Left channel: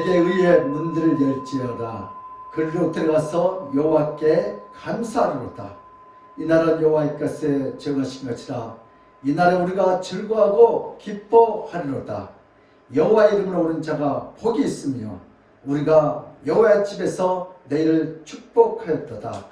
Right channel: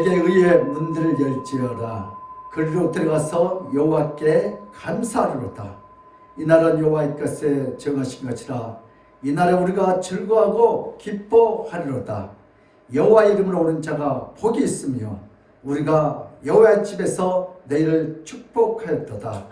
내게 의의 문들을 열지어라. 그리로 들어가서 여호와께 감사하리로다. 이날은 여호와의 것에 정하신 것이라. 이날에 우리가 즐거워하고 기뻐하리로다. 여호와 이름으로 오는 자가 복이 있으며 우리가 여호와의 집에서 내일을 축복하였도다.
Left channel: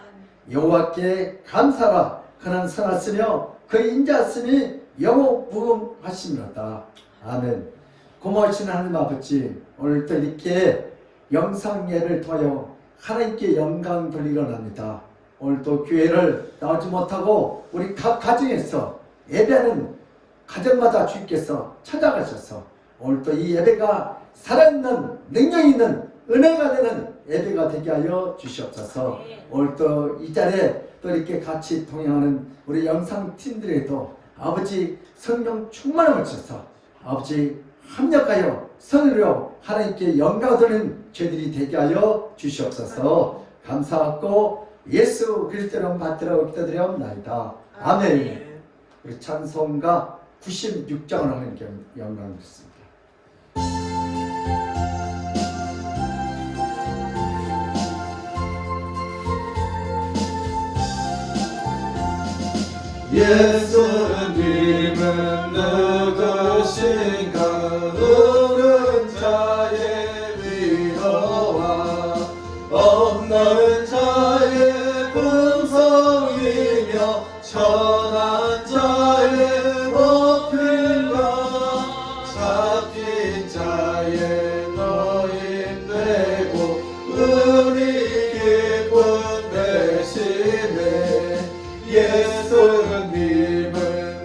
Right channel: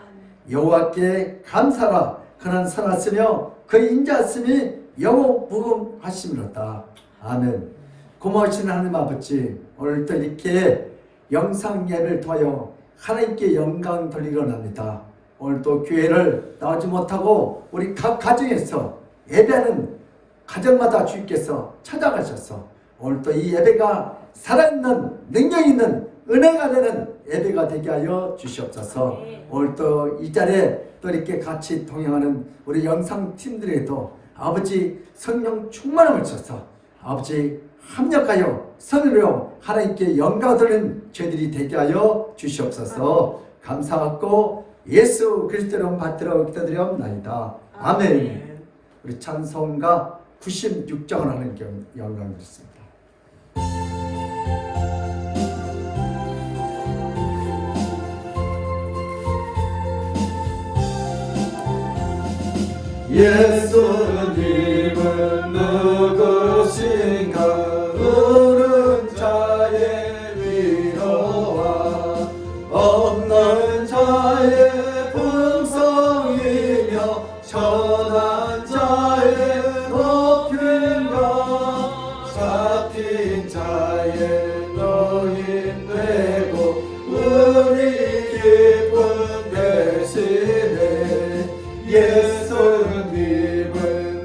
여호와께 감사하라. 그는 선하시며 그의 인자하심이 영원무궁하심이로다. 아멘. 고마우신 하나님 아버지, 오늘도 이렇게 영상 예배를 통하여 하나님께 영광 돌리려 합니다. 오늘도 교회를 나오지 못하고 우리 각 가정에서 예배하는 가정마다 주님께서 찾아가셔서 오늘도 이 예배가 살아있는 능력 있는 은혜가 되는 예배가 되게 하여 주시옵소서. 오늘도 이 자리에 또 이렇게 같이 동행하는 우리 영상팀들에도 아버지 성령 충만함을 주셔서 아버지 합력하여 선으로 하나님께 영광 돌리는 저희들이 되게 하여 주시옵소서. 감사하고 예수 그리스도로 받들어 기도드리옵나이다. 아멘. 우리 찬송가 96장을 하는 영광을 드렸습니다. 예수님은 누구신가? 우는 자의 위로와 없는 자의 풍성이며 천한 자의 높임과 잡힌 자의 노임 되고 우리 기쁨 되시네. 예수님은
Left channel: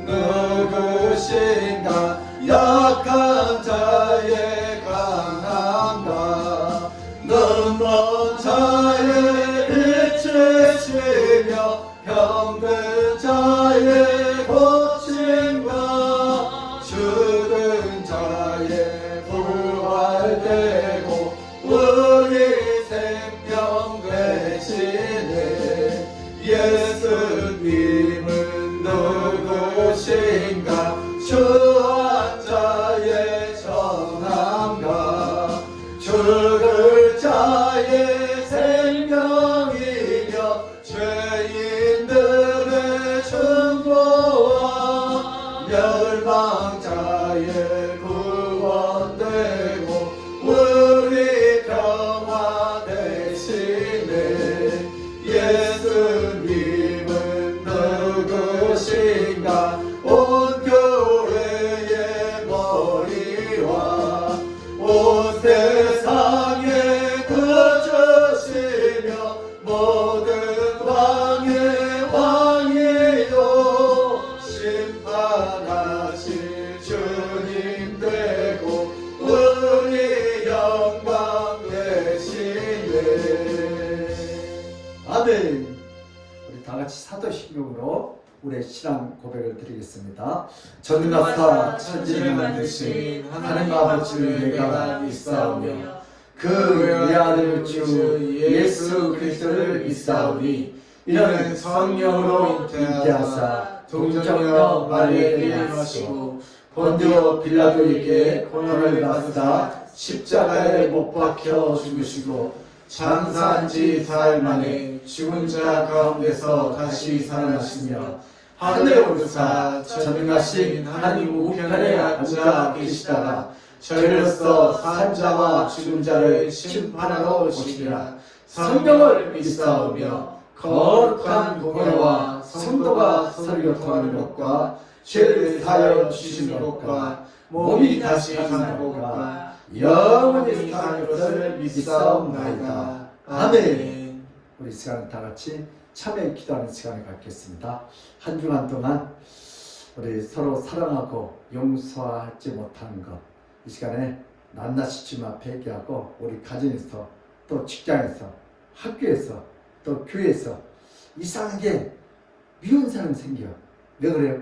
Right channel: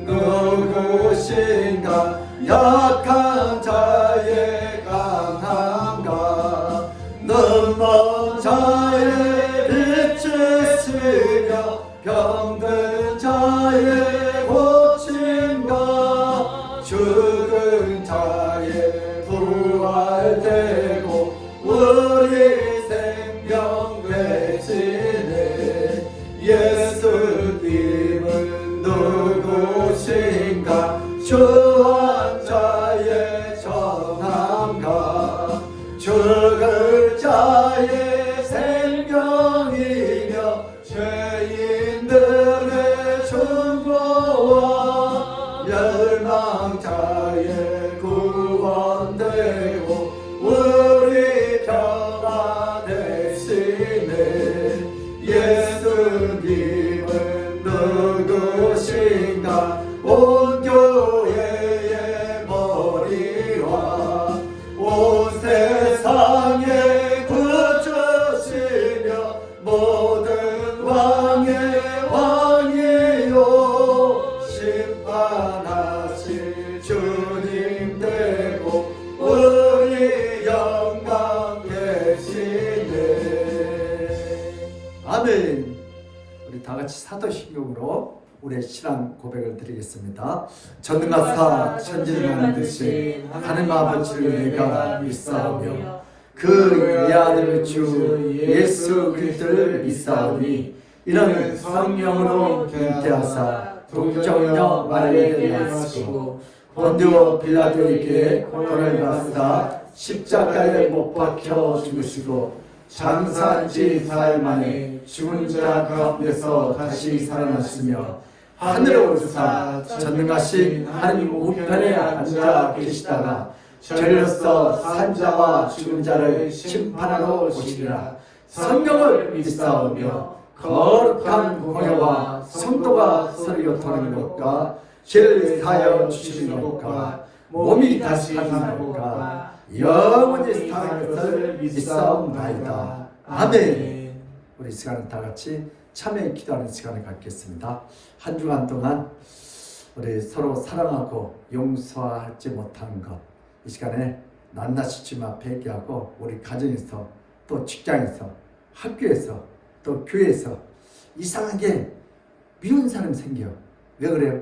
누구신가? 약한 자의 강함과 눈먼 자의 빛이시며 병든 자의 고침과 죽은 자의 부활되고 우리 생명 되시네. 예수님은 누구신가? 주한 자의 정함과 죽을 자의 생명이며 죄인들의 충고와 멸망자의 구원되고 우리 평화 되시네. 예수님은 누구신가? 온 교회의 머리와 온 세상의 구주시며 모든 왕의 왕이요 심판하실 주님 되고 우리 영광 되시네. 아멘. 우리 다 같이 사도신경으로 우리의 신앙 고백을 드리겠습니다. 전능하사 천지를 만드신 하나님 아버지를 내가 믿사오며 그 외아들 주 예수 그리스도를 믿사오니 이는 성령으로 잉태하사 동정녀 마리아에게 나시고 본디오 빌라도에게 고난을 받으사 십자가에 못 박혀 죽으시고 장사한 지 사흘 만에 죽은 자 가운데서 다시 살아나시며 하늘에 오르사 전능하신 하나님 우편에 앉아 계시다가 저리로서 산 자와 죽은 자를 심판하러 오시리라. 성경을 믿사오며 거룩한 공회와 성도가 서로 통하는 것과 죄를 사하여 주시는 것과 몸이 다시 사는 것과 영원히 사는 것을 믿사옵나이다. 아멘. 우리 시간은 다 같이 참회 기도하는 시간을 갖겠습니다. 한 주간 동안 우리 서로 사랑하고 용서하지 못하는 것, 이 시간에 낱낱이 주님 앞에 회개하고 우리 가정에서 또 직장에서 학교에서 또 교회에서 이상하게 미운 사람 생겨. 왜 그래요?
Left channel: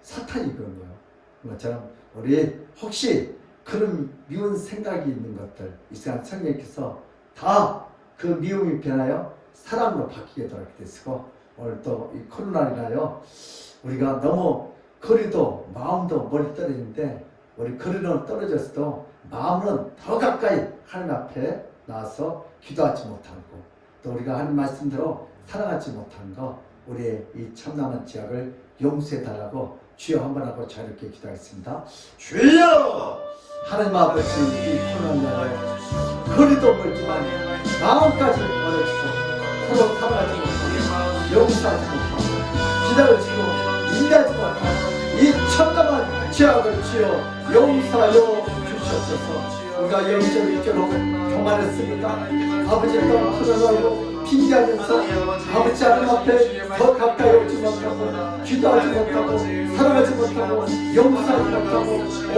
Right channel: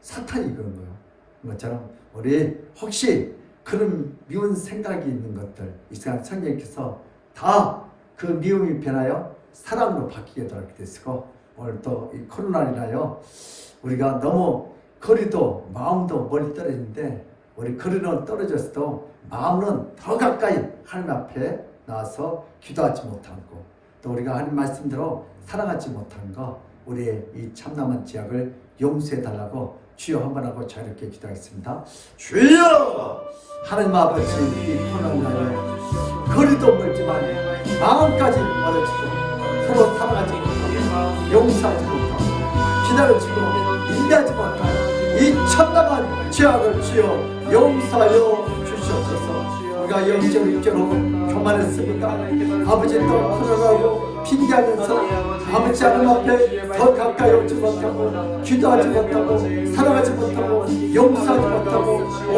사탄이 그런 거예요. 그것처럼 우리 혹시 그런 미운 생각이 있는 것들 이 시간 성령께서 다 그 미움이 변하여 사랑으로 바뀌게 되시고 오늘 또 이 코로나로 인하여 우리가 너무 거리도 마음도 멀리 떨어지는데 우리 거리는 떨어졌어도 마음은 더 가까이 하나님 앞에 나와서 기도하지 못한 거, 또 우리가 하나님 말씀대로 살아가지 못한 거, 우리의 이 참남한 죄악을 용서해 달라고 주여 한번 하고 자유롭게 기도하겠습니다. 주여! 하나님 아버지, 이 코로나로 거리도 멀지만 마음까지 멀어지고 서로 사랑하지 못하고 용서하지 못하고 기다려지고 인내하지 못하고 이 참담한 죄악을 주여 용서하여 주시옵소서. 우리가 영적으로 교만했습니다. 아버지 또 코로나로 핑계하면서 아버지 하나님 앞에 더 가까이 오지 못하고 기도하지 못하고 사랑하지 못하고 용서하지 못하고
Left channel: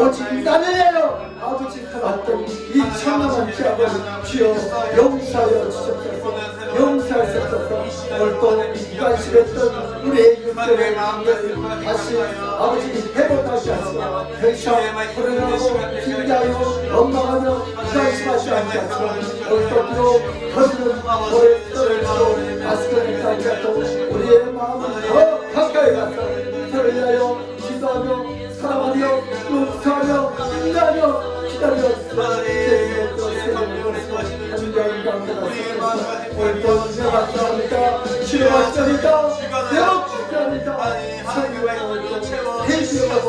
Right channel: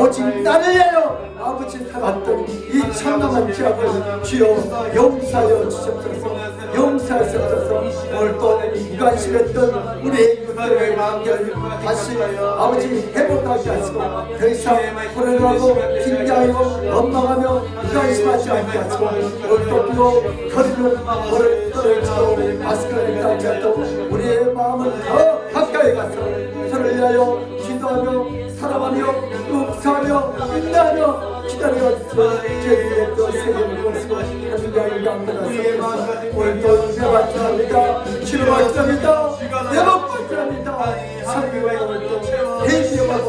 오직 나를 위하여 아버지 살았던 이 참담한 죄악을 주여 용서하여 주시옵소서. 용서하셔서 오늘 또 무관심했던 우리의 이웃들의 마음을 다시 아버지 회복하게 하시고 더 이상 불안하고 핑계하고 원망하며 무관심하지 않게 하시고 오늘 또 비록 거리는 오늘 떨어지고 마스크를 따지 않고 우리의 마음을 더 가까이 가서 서로를 위하여 기도하며 사랑하며 용서하며 인내하며 기다려 주의 또 세계를 보시고 하나님의 영광을 오늘도 내가 기도합니다. 주님과 기도합니다. 내가 기도합니다. 성경을 회개하고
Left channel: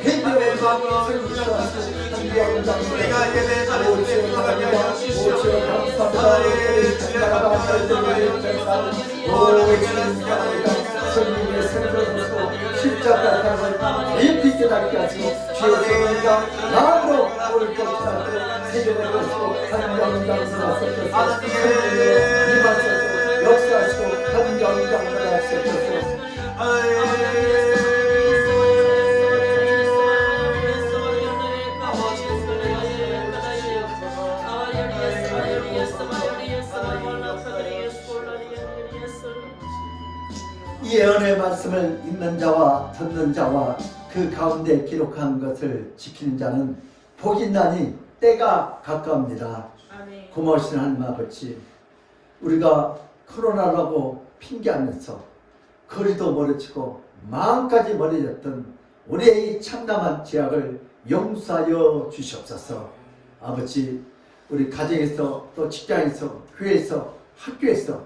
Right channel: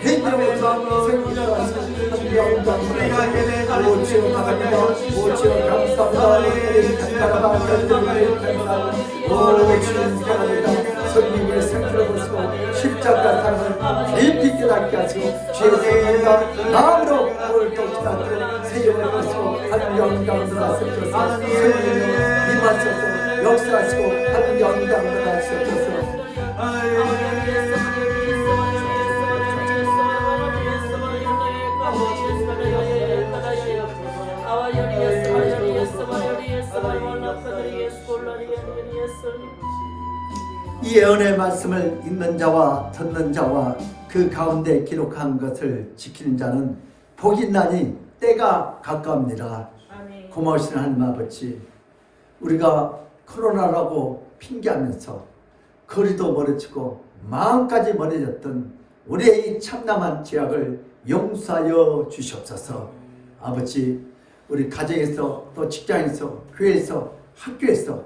회개하고 생기는 우리가 예배자를 오치어 감사합니다. 오늘의 주님 감사합니다. 성경의 생각으로서 십자가 사랑을 깊이 깨닫게 하시고 주의 마음으로 오늘 또 기도하는 세계를 보시고 하나님 영광을 하소서. 임하소서. 역사하시고 하나님 영광을 하소서. 이 예언의 말씀을 읽는 자와 듣는 자와 그 가운데 기록한 것을 지키는 자는 복이 있나니 때가 가까웁니다. 고마우신 하나님 아버지, 우리가 코로나라고 핑계하면서 거리도 멀어지고 마음까지 멀어졌던 우리의 이 참담한 죄악을 용서하여 주시옵소서. 아버지, 우리 가정에서 또 직장에서 교회에서 학교에서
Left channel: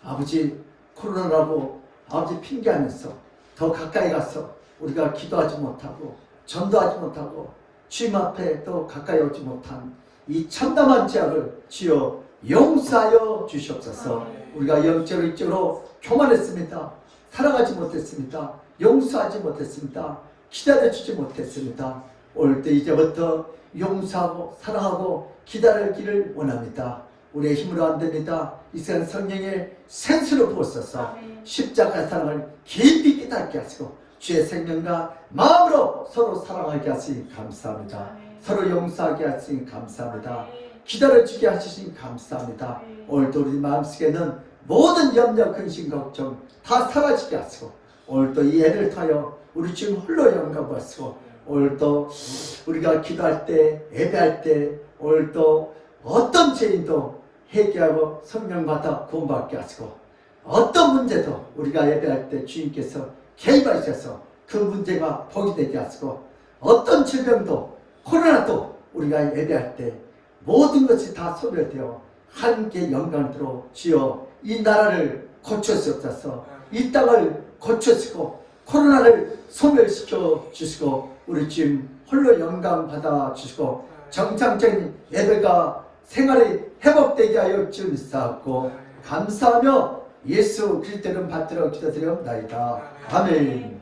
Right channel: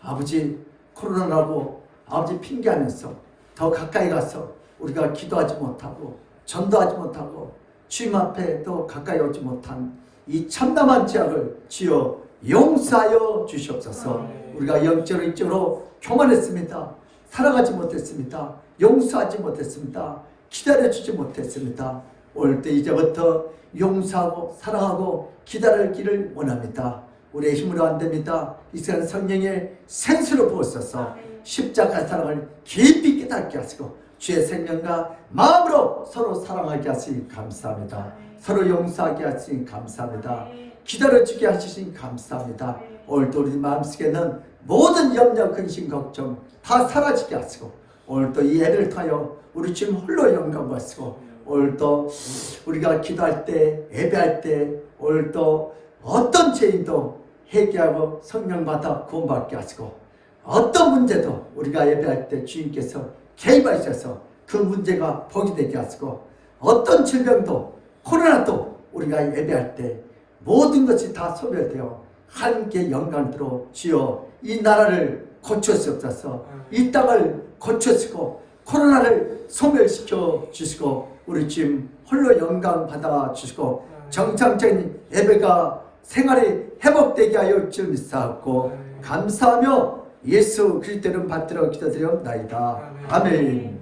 아버지 코로나라고 아버지 핑계하면서 더 가까이 가서 우리가 기도하지 못하고 전도하지 못하고 주님 앞에 더 가까이 오지 못한 이 참담한 죄악을 주여 용서하여 주시옵소서. 우리가 영적으로 육적으로 교만했습니다. 사랑하지 못했습니다. 용서하지 못했습니다. 기다려주지 못했습니다. 오늘도 이제부터 용서하고 사랑하고 기다리기를 원합니다. 우리의 힘으로 안 됩니다. 이 시간 성령의 생수로 부어서서 십자가 사랑을 깊이 깨닫게 하시고 주의 생명과 마음으로 서로 사랑하게 하시니 감사합니다. 서로 용서하게 하시니 감사합니다. 기다려주게 하시니 감사합니다. 오늘도 우리 마음속에는 모든 염려, 근심, 걱정 다 사라지게 하시고 오늘도 이 예배를 통하여 우리 주님 홀로 영광 받으시고 오늘도 우리가 기도할 때 예배할 때 오늘도 어떤 죄인도 회개하고 성령 받아 구원받게 하시고 어떤 문제도 우리가 예배할 때 주님께서 개입하셔서 그 문제가 복이 되게 하시고 어떤 질병도 코로나도 우리가 예배할 때 모든 것이 다 소멸되어 하나님께 영광으로 주여 이 나라를 고쳐주옵소서. 이 땅을 고쳐주시고 코로나를 소멸시켜 주시고 우리 주님 홀로 영광 받아 주시고 정상적인 예배가 생활이 회복되게 하여 주옵소서. 감사하며 예수 그리스도를 받들어 기도드리옵나이다. 아멘.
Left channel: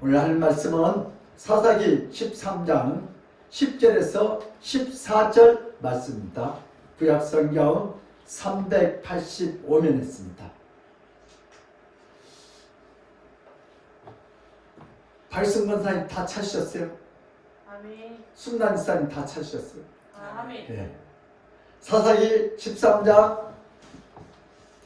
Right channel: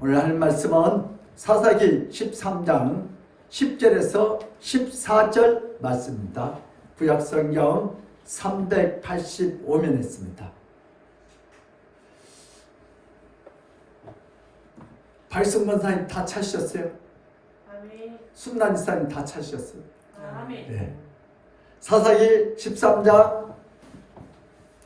오늘 할 말씀은 사사기 13장 10절에서 14절 말씀입니다. 구약성경 385면 있습니다. 발성권사님 다 찾으셨어요? 아멘. 순난사님 다 찾으셨어요? 아멘. 네. 사사기 13장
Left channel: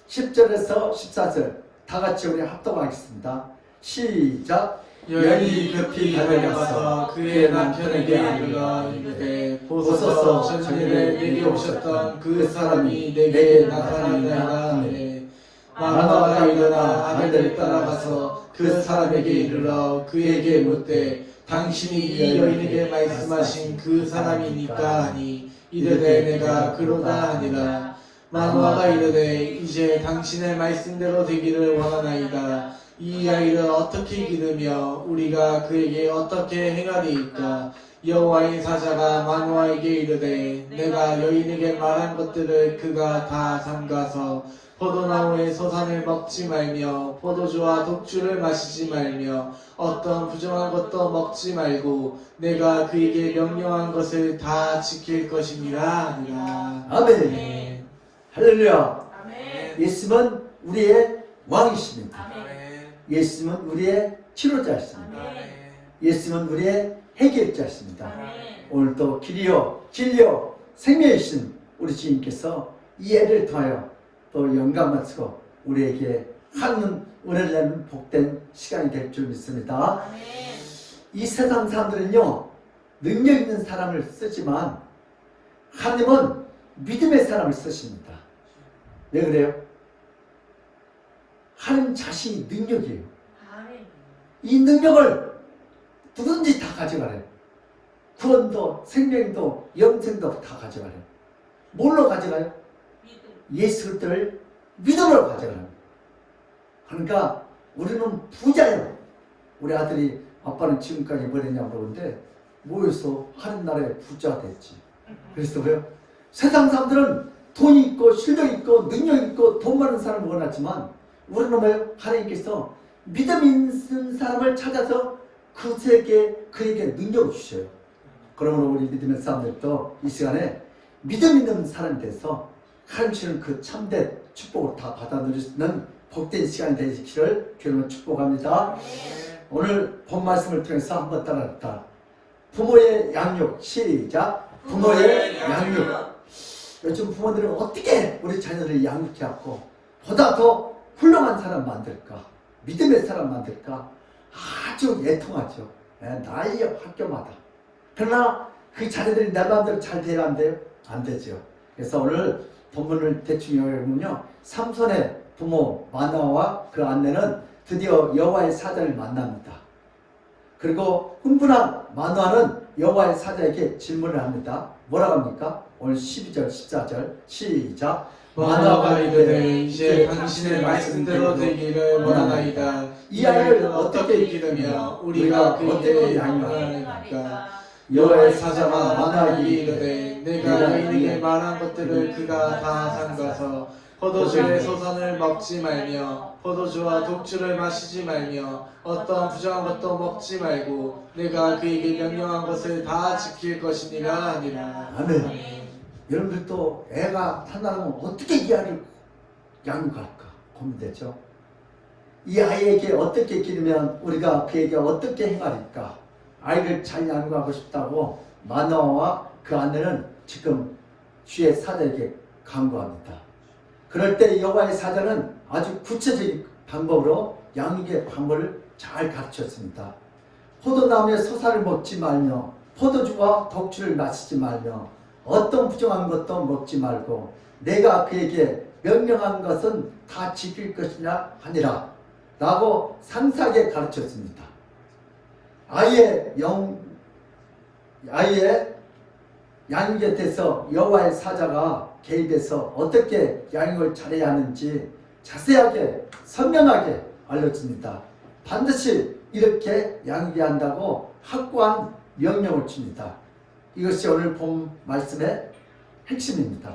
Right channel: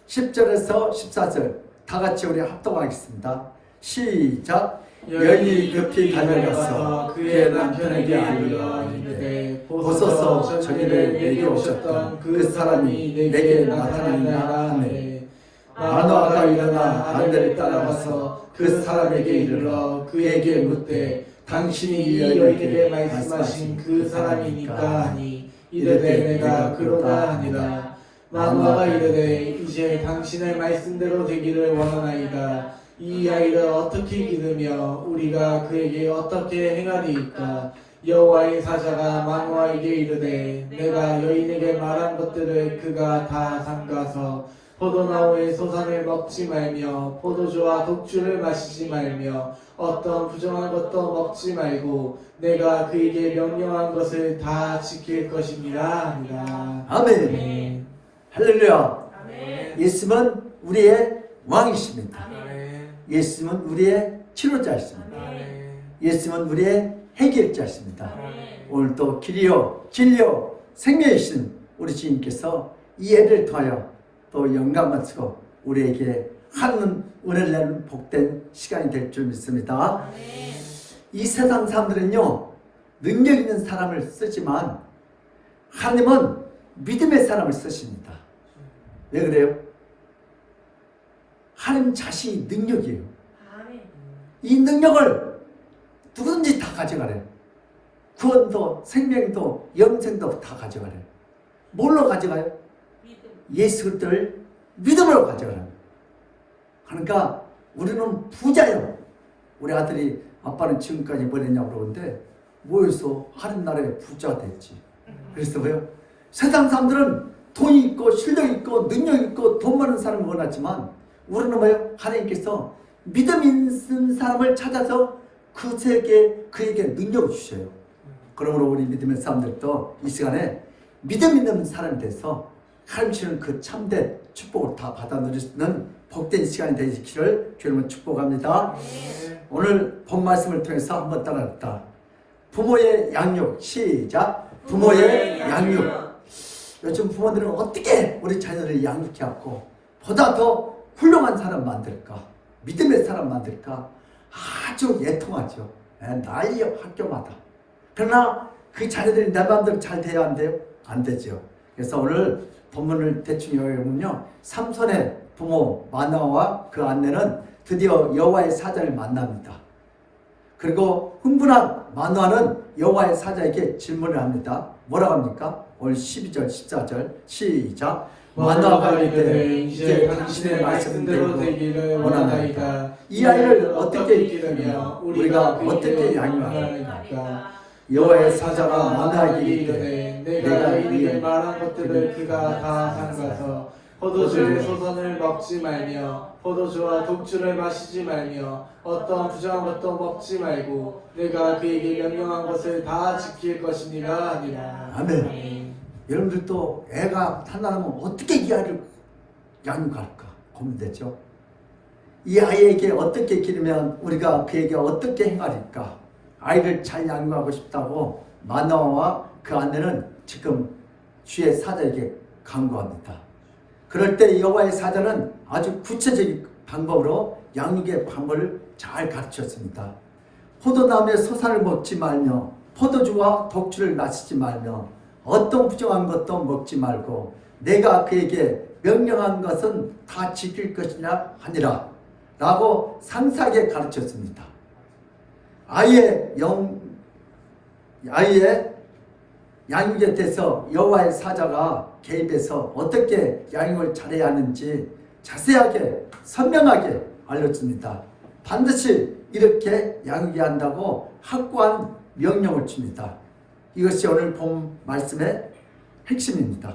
10절에서 14절 다 같이 우리 합동하겠습니다. 시작. 여인이 급히 달려가서 그의 남편에게 알려 이르되 보소서 저기를 내게 오셨던 그 사람이 내게 나타나니라 하네. 마노아가 일어나 아들을 따라가서 그 사람에게 이르러 그에게 묻되 당신이 이 여인에게 말씀하신 그 사람이니까 하니 이르되 내가 그러다 하니라. 마누아가 이르되 이제 당신의 말씀대로 되기를 원하나이다. 이 아이를 어떻게 기르며 우리가 그에게 어떻게 행하리이까. 여호와의 사자가 마누아에게 이르되 내가 여인에게 말한 것들을 그가 다 삼가서 포도나무의 소산을 먹지 말며 포도주와 독주를 마시지 말며 어떤 부정한 것도 먹지 말고 내가 그에게 명령한 것을 다 지킬 것이니라 하니라. 아멘. 네. 할렐루야. 아멘. 예수님은 우리의 왕이십니다. 아멘. 예수님은 우리의 치료자이십니다. 아멘. 예수님은 우리의 해결자이십니다. 아멘. 오늘도 길이요 진리요 생명이신 우리 주님께서 이 예를 통하여 또 영광 받으시고 우리에게 하는 은혜를 내는 복된 시간이 될 줄 믿습니다. 아멘. 이 세상 사람들은요 능력 있는 사람을 쓰지만 하나님은 믿음의 사람을 쓰십니다. 왜 그래요? 하나님 자신이 능력이에요. 아멘. 이 능력을 누구든지 다 가져가래요. 구원도 생명도 영생도 다 가져가래요. 뭘로 가져가요? 믿음. 예수 그리스도를 믿음으로 가져가라는 거예요. 그러니까 우리는 부자예요. 우리 아들이 아빠는 지금까지 뭘 했냐고 그러는데 모여서 하는 나라에 부자 됐지. 그래서 왜요? 세상 사람들은 돈이 있고 실력 있고 능력 있고 돈 많은 사람을 원하지만 우리는 뭐예요? 하나님께서 믿음 있는 사람을 찾아서 그에게 능력을 주셔요. 그러므로 우리 믿음의 사람들도 이 시간에 믿음 있는 사람이 돼서 하나님 주시는 그 참된 축복을 다 받아 누릴 수 있는 복된 시간이 되시기를 주님은 축복합니다. 오늘 본 말씀을 통해서 한번 따라합니다. 부모의 양육 시작. 부모의 양육. 요즘 부모들은 어떻게 우리 자녀들을 양육해갖고 보다 더 훌륭한 사람 만들까, 믿음의 사람 만들까 아주 애통하죠. 난리야 학교마다. 그러나 그 자녀들이 내 마음대로 잘 돼야 안 돼요? 안 되죠. 그래서 오늘 본문을 대충 요약하면요, 삼손의 부모 마누아와 그 아내는 드디어 여호와의 사자를 만납니다. 그리고 흥분한 마누아는 여호와의 사자에게 질문을 합니다. 뭐라고 합니까? 오늘 12절 14절 시작. 마누아가 이르되 이제 당신의 말씀대로 되기를 원하나이다. 이 아이를 어떻게 기르며 우리가 그에게 양육하리까. 여호와의 사자가 마누아에게 이르되 내가 너희에게 말한 것들을 그가 다 삼가서 포도주의 소선을 먹지 말며 포도주와 독주를 마시지 말며 어떤 부정한 것도 먹지 말고 내가 그에게 명령한 것을 다 지킬 것이니라 하니라. 아멘. 여러분들도 애가 탄나면 어떻게 이 아이를 양육할까 고민되죠. 이 아이에게 어떻게 기르면 우리가 그에게 어떻게 행하리까. 아이를 잘 양육하고 싶다고 마누아와 그 아내는 지금 주의 사자에게 간구합니다. 그럴 때 여호와의 사자는 아주 구체적인 방법으로 양육의 방법을 잘 가르쳤습니다. 포도나무의 소산을 먹지 말며 포도주와 독주를 마시지 말며 어떤 부정한 것도 먹지 말고 내가 그에게 명령한 것은 다 지킬 것이냐 하니라 라고 상세하게 가르쳤습니다. 아이의 양육에 대해서 여호와의 사자가 개입해서 어떻게 양육을 잘해야 하는지 자세하게 선명하게 알려줍니다. 반드시 이렇게 양육해야 한다고 확고한 명령을 줍니다. 이것이 오늘 본 말씀의 핵심입니다.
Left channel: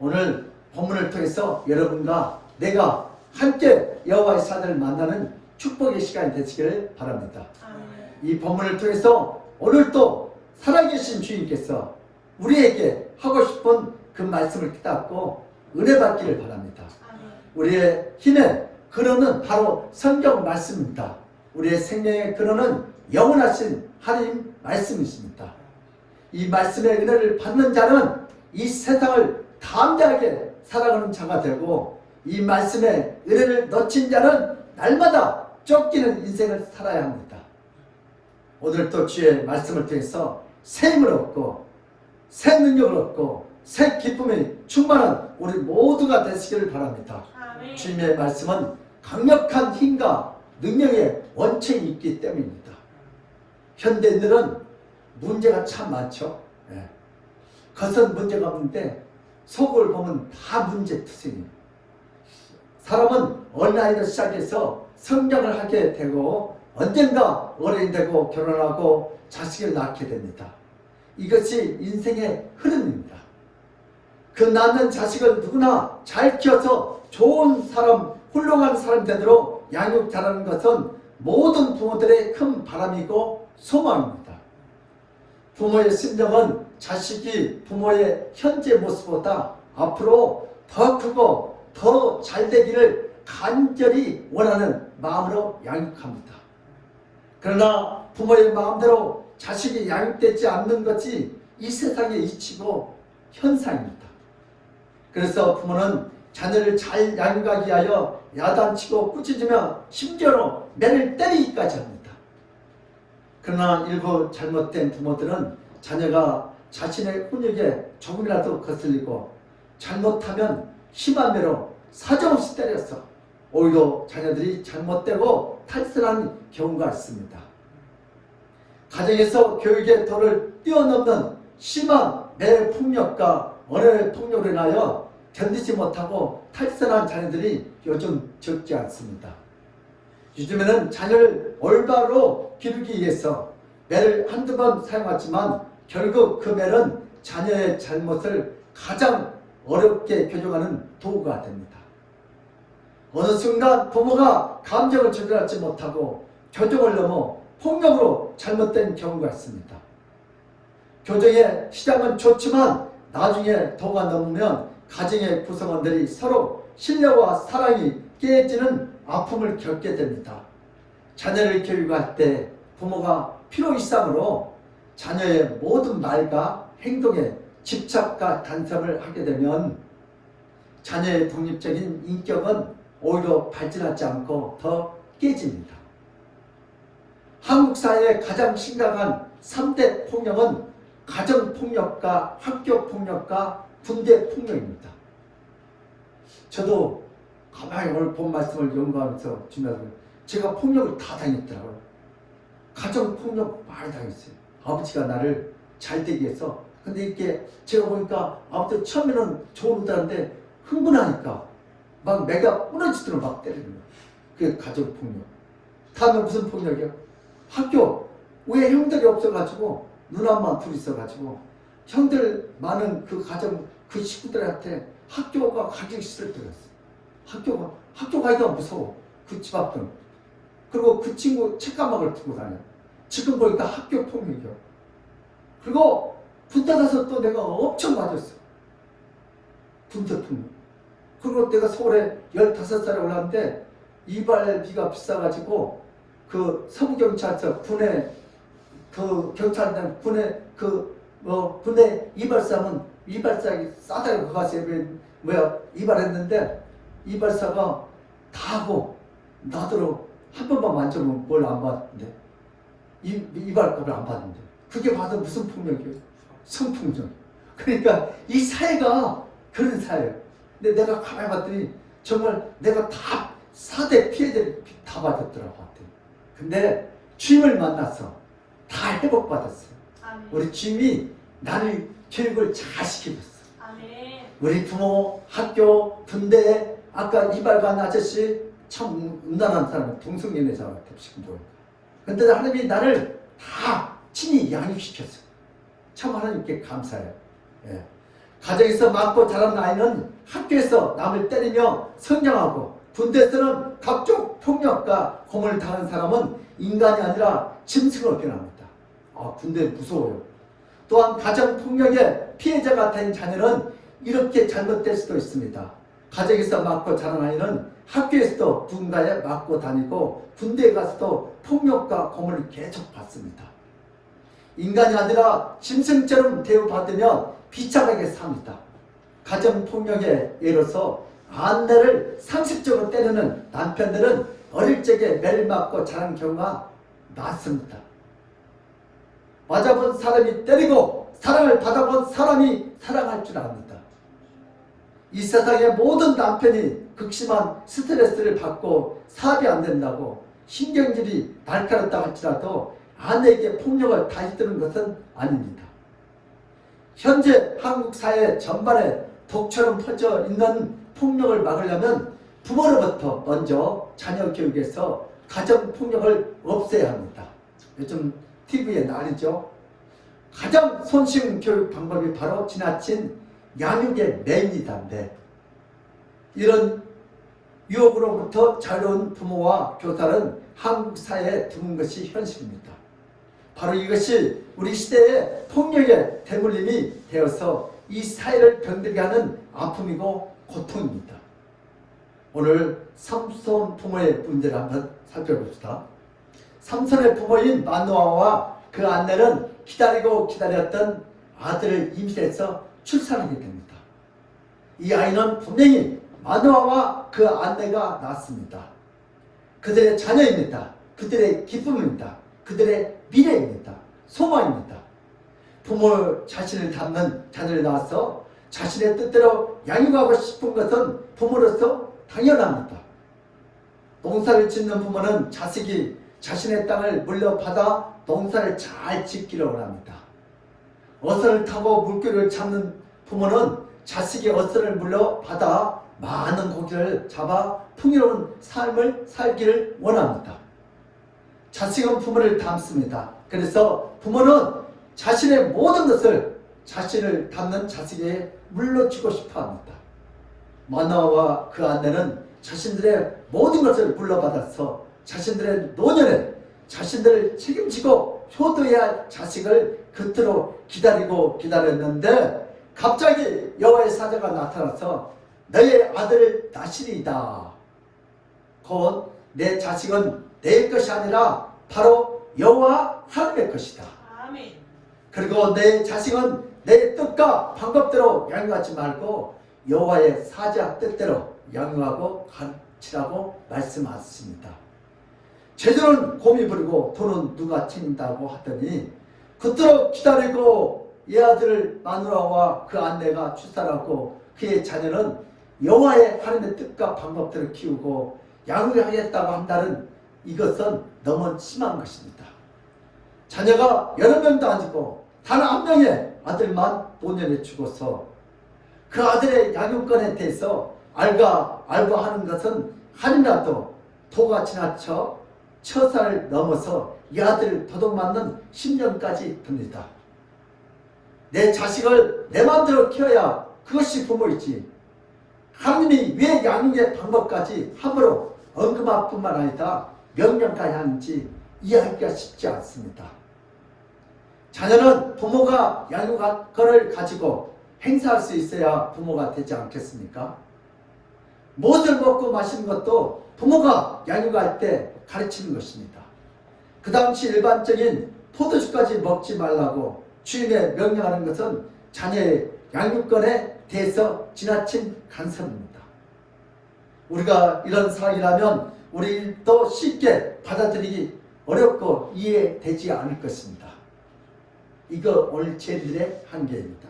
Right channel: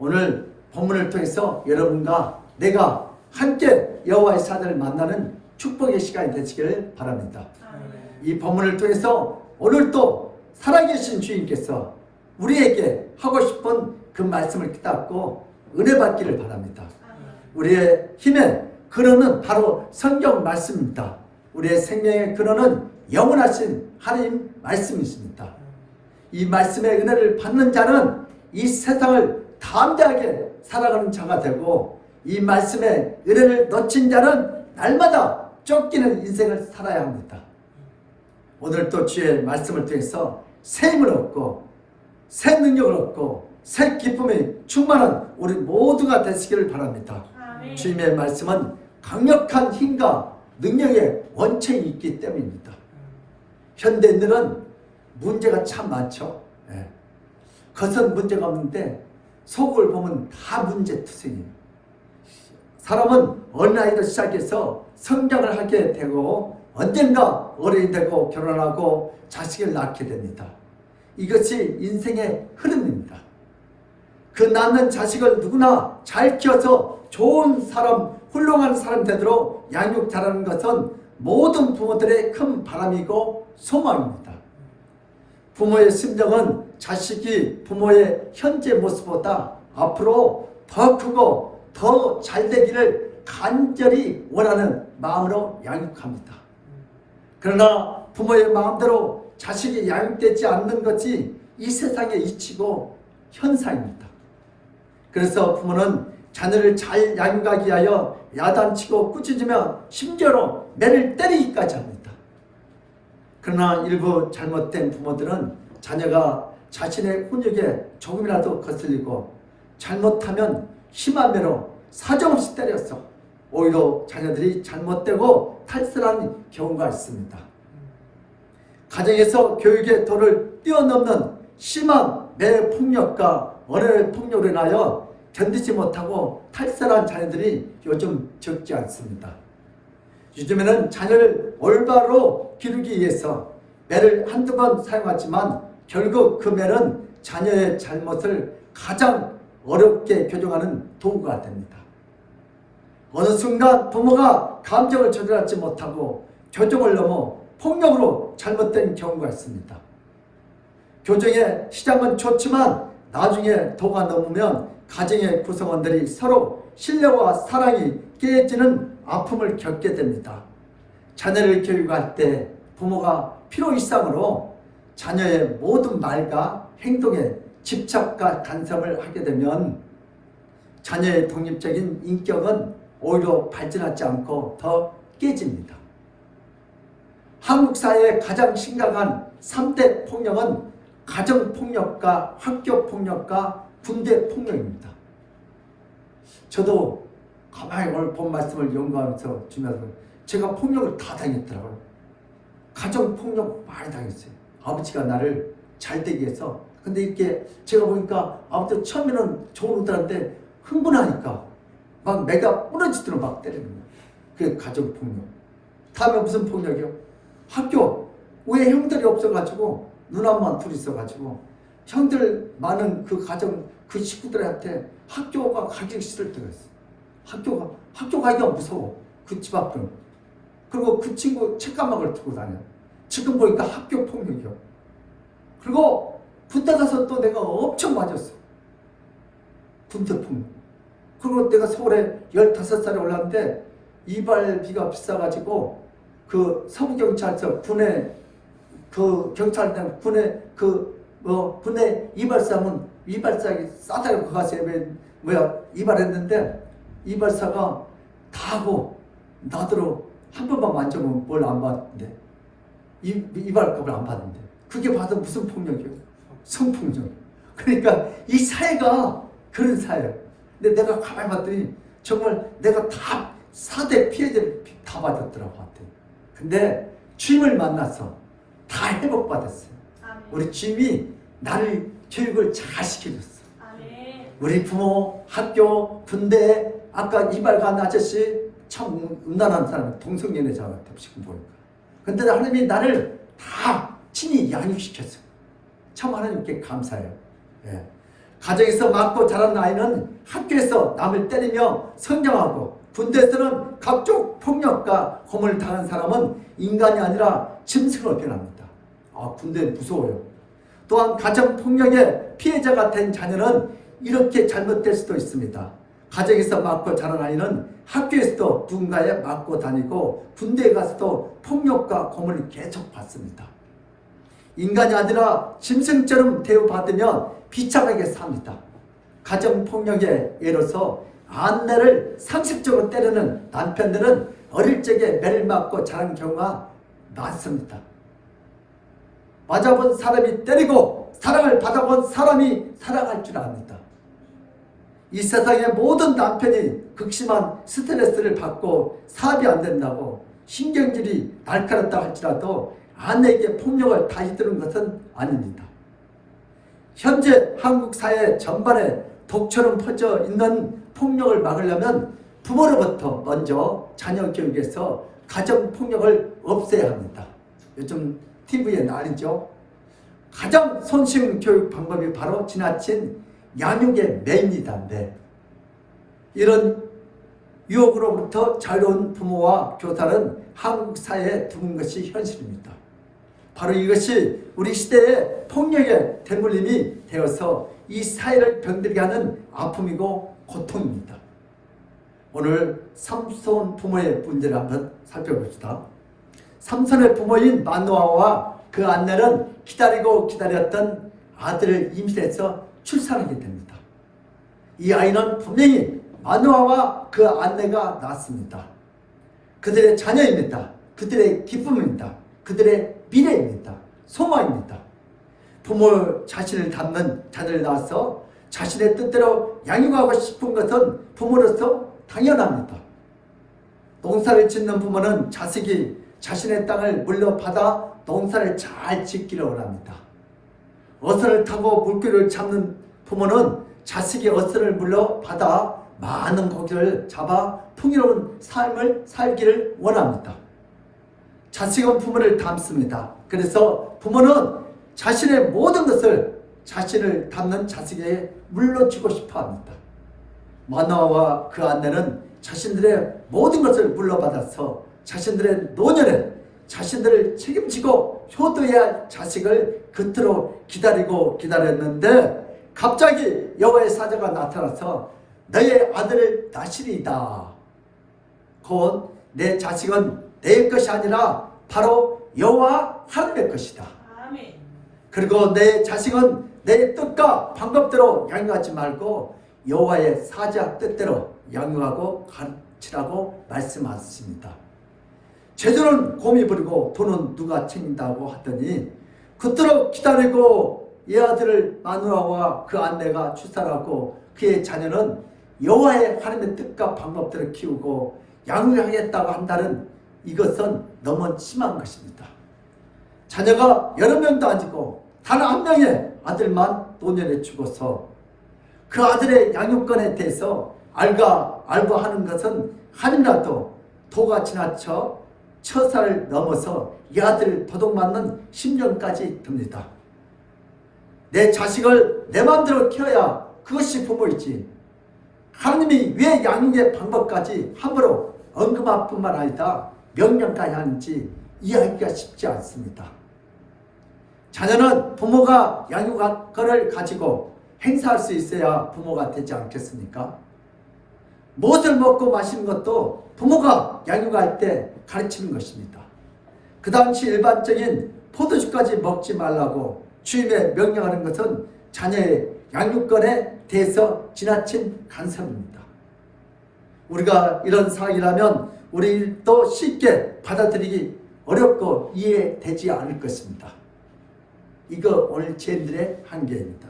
오늘 본문을 통해서 여러분과 내가 함께 여호와의 사자를 만나는 축복의 시간이 되시기를 바랍니다. 이 본문을 통해서 오늘도 살아계신 주님께서 우리에게 하고 싶은 그 말씀을 깨닫고 은혜 받기를 바랍니다. 우리의 힘의 근원은 바로 성경 말씀입니다. 우리의 생명의 근원은 영원하신 하나님 말씀이십니다. 이 말씀의 은혜를 받는 자는 이 세상을 담대하게 살아가는 자가 되고 이 말씀의 은혜를 놓친 자는 날마다 쫓기는 인생을 살아야 합니다. 오늘 또 주의 말씀을 통해서 새 힘을 얻고 새 능력을 얻고 새 기쁨이 충만한 우리 모두가 되시기를 바랍니다. 아멘. 주님의 말씀은 강력한 힘과 능력의 원천이 있기 때문입니다. 현대인들은 문제가 참 많죠. 예. 겉은 문제가 없는데 속을 보면 다 문제투성이에요. 사람은 어린아이도 시작해서 성장을 하게 되고 언젠가 어른이 되고 결혼하고 자식을 낳게 됩니다. 이것이 인생의 흐름입니다. 그 낳는 자식을 누구나 잘 키워서 좋은 사람, 훌륭한 사람 되도록 양육 잘하는 것은 모든 부모들의 큰 바람이고 소망입니다. 부모의 심정은 자식이 부모의 현재 모습보다 앞으로 더 크고 더 잘 되기를 간절히 원하는 마음으로 양육합니다. 그러나 부모의 마음대로 자식이 양육되지 않는 것이 이 세상의 이치고 현상입니다. 그래서 부모는 자녀를 잘 양육하기 위하여 야단치고 꾸짖으며 심지어로 매를 때리기까지 합니다. 그러나 일부 잘못된 부모들은 자녀가 자신의 훈육에 조금이라도 거슬리고 잘못하면 심한 매로 사정없이 때려서 오히려 자녀들이 잘못되고 탈선하는 경우가 있습니다. 가정에서 교육의 도를 뛰어넘는 심한 매폭력과 언어의 폭력으로 인하여 견디지 못하고 탈선한 자녀들이 요즘 적지 않습니다. 요즘에는 자녀를 올바로 기르기 위해서 매를 한두 번 사용하지만 결국 그 매는 자녀의 잘못을 가장 어렵게 교정하는 도구가 됩니다. 어느 순간 부모가 감정을 조절하지 못하고 교정을 넘어 폭력으로 잘못된 경우가 있습니다. 교정의 시작은 좋지만 나중에 도가 넘으면 가정의 구성원들이 서로 신뢰와 사랑이 깨지는 아픔을 겪게 됩니다. 자녀를 교육할 때 부모가 필요이상으로 자녀의 모든 말과 행동에 집착과 간섭을 하게 되면 자녀의 독립적인 인격은 오히려 발전하지 않고 더 깨집니다. 한국 사회의 가장 심각한 3대 폭력은 가정폭력과 학교폭력과 군대폭력입니다. 저도 가만히 오늘 본 말씀을 연구하면서 주면서 제가 폭력을 다 당했더라고요. 가정폭력 많이 당했어요. 아버지가 나를 잘 되기 위해서. 근데 이렇게 제가 보니까 아버지 처음에는 좋은다는데 흥분하니까 막 내가 부러지도록 막 때리는 거예요. 그게 가정폭력. 다음에 무슨 폭력이요? 학교. 왜 형들이 없어가지고 누나만 둘이 있어가지고 형들 많은 그 가정 그 식구들한테 학교가 가기 싫을 때가 있어. 학교 가기가 무서워. 그 집 앞은. 그리고 그 친구 책가방을 두고 다녀. 지금 보니까 학교 폭력이요. 그리고 군대 가서 또 내가 엄청 맞았어. 군대 폭력. 그리고 내가 서울에 15살에 올랐는데 이발비가 비싸가지고 그 서부경찰서 군에 그 경찰단 군에 군에 이발사면 이발사기 싸다고 가서 이발했는데 이발사가 다 하고 나더러 한 번만 만져보면 뭘 안 받는데 이발급을 안 받는데 그게 받은 무슨 폭력이에요? 성폭력. 그러니까 이 사회가 그런 사회예요. 근데 내가 가만히 봤더니 정말 내가 다 4대 피해자를 다 받았더라고. 근데 주임을 만나서 다 회복받았어요. 아멘. 우리 주임이 나를 교육을 잘 시켜줬어. 아멘. 우리 부모, 학교, 군대, 아까 이발 간 아저씨 참 음란한 사람, 동성연애자 같아 지금 보니까. 근데 하나님이 나를 다 친히 양육시켰어. 참 하나님께 감사해요. 예. 가정에서 맞고 자란 아이는 학교에서 남을 때리며 성장하고 군대에서는 각종 폭력과 고문을 당한 사람은 인간이 아니라 짐승으로 변합니다. 군대 무서워요. 또한 가정폭력의 피해자가 된 자녀는 이렇게 잘못될 수도 있습니다. 가정에서 맞고 자란 아이는 학교에서도 누군가에 맞고 다니고 군대에 가서도 폭력과 고문을 계속 받습니다. 인간이 아니라 짐승처럼 대우받으면 비참하게 삽니다. 가정폭력의 예로서 아내를 상습적으로 때리는 남편들은 어릴 적에 매를 맞고 자란 경우가 많습니다. 맞아본 사람이 때리고 사랑을 받아본 사람이 사랑할 줄 압니다. 이 세상의 모든 남편이 극심한 스트레스를 받고 사업이 안 된다고 신경질이 날카롭다 할지라도 아내에게 폭력을 다시드는 것은 아닙니다. 현재 한국 사회 전반에 독처럼 퍼져 있는 폭력을 막으려면 부모로부터 먼저 자녀 교육에서 가정폭력을 없애야 합니다. 요즘 TV에 난리죠. 가장 손쉬운 교육 방법이 바로 지나친 양육의 매입니다. 이런 유혹으로부터 자유로운 부모와 교사는 한국 사회에 드문 것이 현실입니다. 바로 이것이 우리 시대의 폭력의 대물림이 되어서 이 사회를 병들게 하는 아픔이고 고통입니다. 오늘 삼손 부모의 문제를 한번 살펴봅시다. 삼손의 부모인 마노아와 그 아내는 기다리고 기다렸던 아들을 임신해서 출산하게 됩니다. 이 아이는 분명히 마노아와 그 아내가 낳았습니다. 그들의 자녀입니다. 그들의 기쁨입니다. 그들의 미래입니다. 소망입니다. 부모 자신을 닮는 자녀를 낳아서 자신의 뜻대로 양육하고 싶은 것은 부모로서 당연합니다. 농사를 짓는 부모는 자식이 자신의 땅을 물려받아 농사를 잘 짓기를 원합니다. 어선을 타고 물고기를 잡는 부모는 자식이 어선을 물려받아 많은 고기를 잡아 풍요로운 삶을 살기를 원합니다. 자식은 부모를 닮습니다. 그래서 부모는 자신의 모든 것을 자신을 닮는 자식에게 물려주고 싶어 합니다. 마노아와 그 아내는 자신들의 모든 것을 물려받아서 자신들의 노년에 자신들을 책임지고 효도해야 할 자식을 그토록 기다리고 기다렸는데 갑자기 여호와의 사자가 나타나서 너의 아들을 낳으리이다. 곧 내 자식은 내 것이 아니라 바로 여호와 하나님의 것이다. 아멘. 그리고 내 자식은 내 뜻과 방법대로 양육하지 말고 여호와의 사자 뜻대로 양육하고 가르치라고 말씀하셨습니다. 재주는 곰이 부리고 돈은 누가 챙긴다고 하더니 그토록 기다리고 이 아들을 마누라와 그 아내가 출산하고 그의 자녀는 여호와의 하나님의 뜻과 방법대로 키우고 양육하겠다고 한다는 이것은 너무 심한 것입니다. 자녀가 여러 명도 아니고 단 한 명의 아들만 노년에 죽어서 그 아들의 양육권에 대해서 알바하는 것은 한이라도 도가 지나쳐 처사를 넘어서 이 아들을 도둑맞는 10년까지 듭니다. 내 자식을 내 마음대로 키워야 그것이 부모이지. 하나님이 왜 양육의 방법까지 함부로 언급할 뿐만 아니라 명령까지 하는지 이해하기가 쉽지 않습니다. 자녀는 부모가 양육권을 가지고 행사할 수 있어야 부모가 되지 않겠습니까? 무엇을 먹고 마시는 것도 부모가 양육할 때 가르치는 것입니다. 그 당시 일반적인 포도주까지 먹지 말라고 주임에 명령하는 것은 자녀의 양육권에 대해서 지나친 간섭입니다. 우리가 이런 상황이라면 우리도 쉽게 받아들이기 어렵고 이해되지 않을 것입니다. 이거 오늘 죄인들의 한계입니다.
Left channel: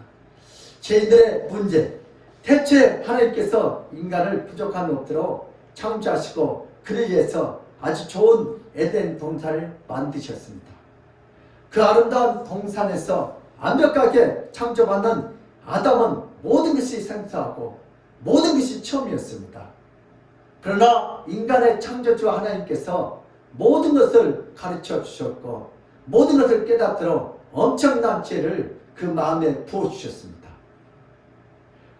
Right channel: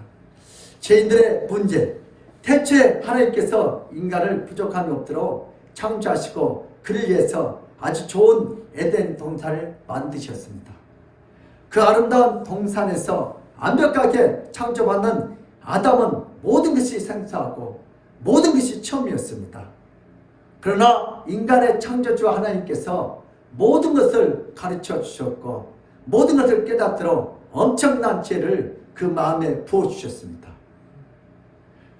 죄인들의 문제, 태초에 하나님께서 인간을 부족함이 없도록 창조하시고 그를 위해서 아주 좋은 에덴 동산을 만드셨습니다. 그 아름다운 동산에서 완벽하게 창조받는 아담은 모든 것이 생소하고 모든 것이 처음이었습니다. 그러나 인간의 창조주 하나님께서 모든 것을 가르쳐 주셨고 모든 것을 깨닫도록 엄청난 지혜를 그 마음에 부어주셨습니다.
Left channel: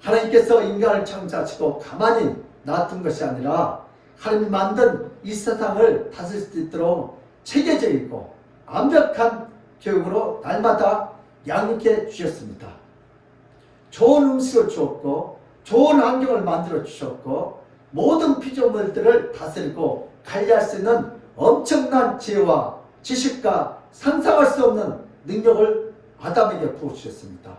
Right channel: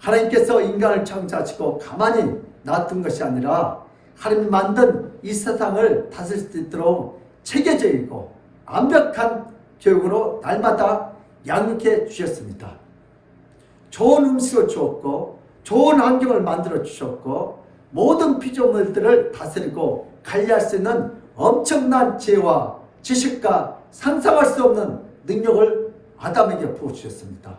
하나님께서 인간을 창조하시고 가만히 놔둔 것이 아니라 하나님이 만든 이 세상을 다스릴 수 있도록 체계적이고 완벽한 교육으로 날마다 양육해 주셨습니다. 좋은 음식을 주었고 좋은 환경을 만들어 주셨고 모든 피조물들을 다스리고 관리할 수 있는 엄청난 지혜와 지식과 상상할 수 없는 능력을 아담에게 부어주셨습니다.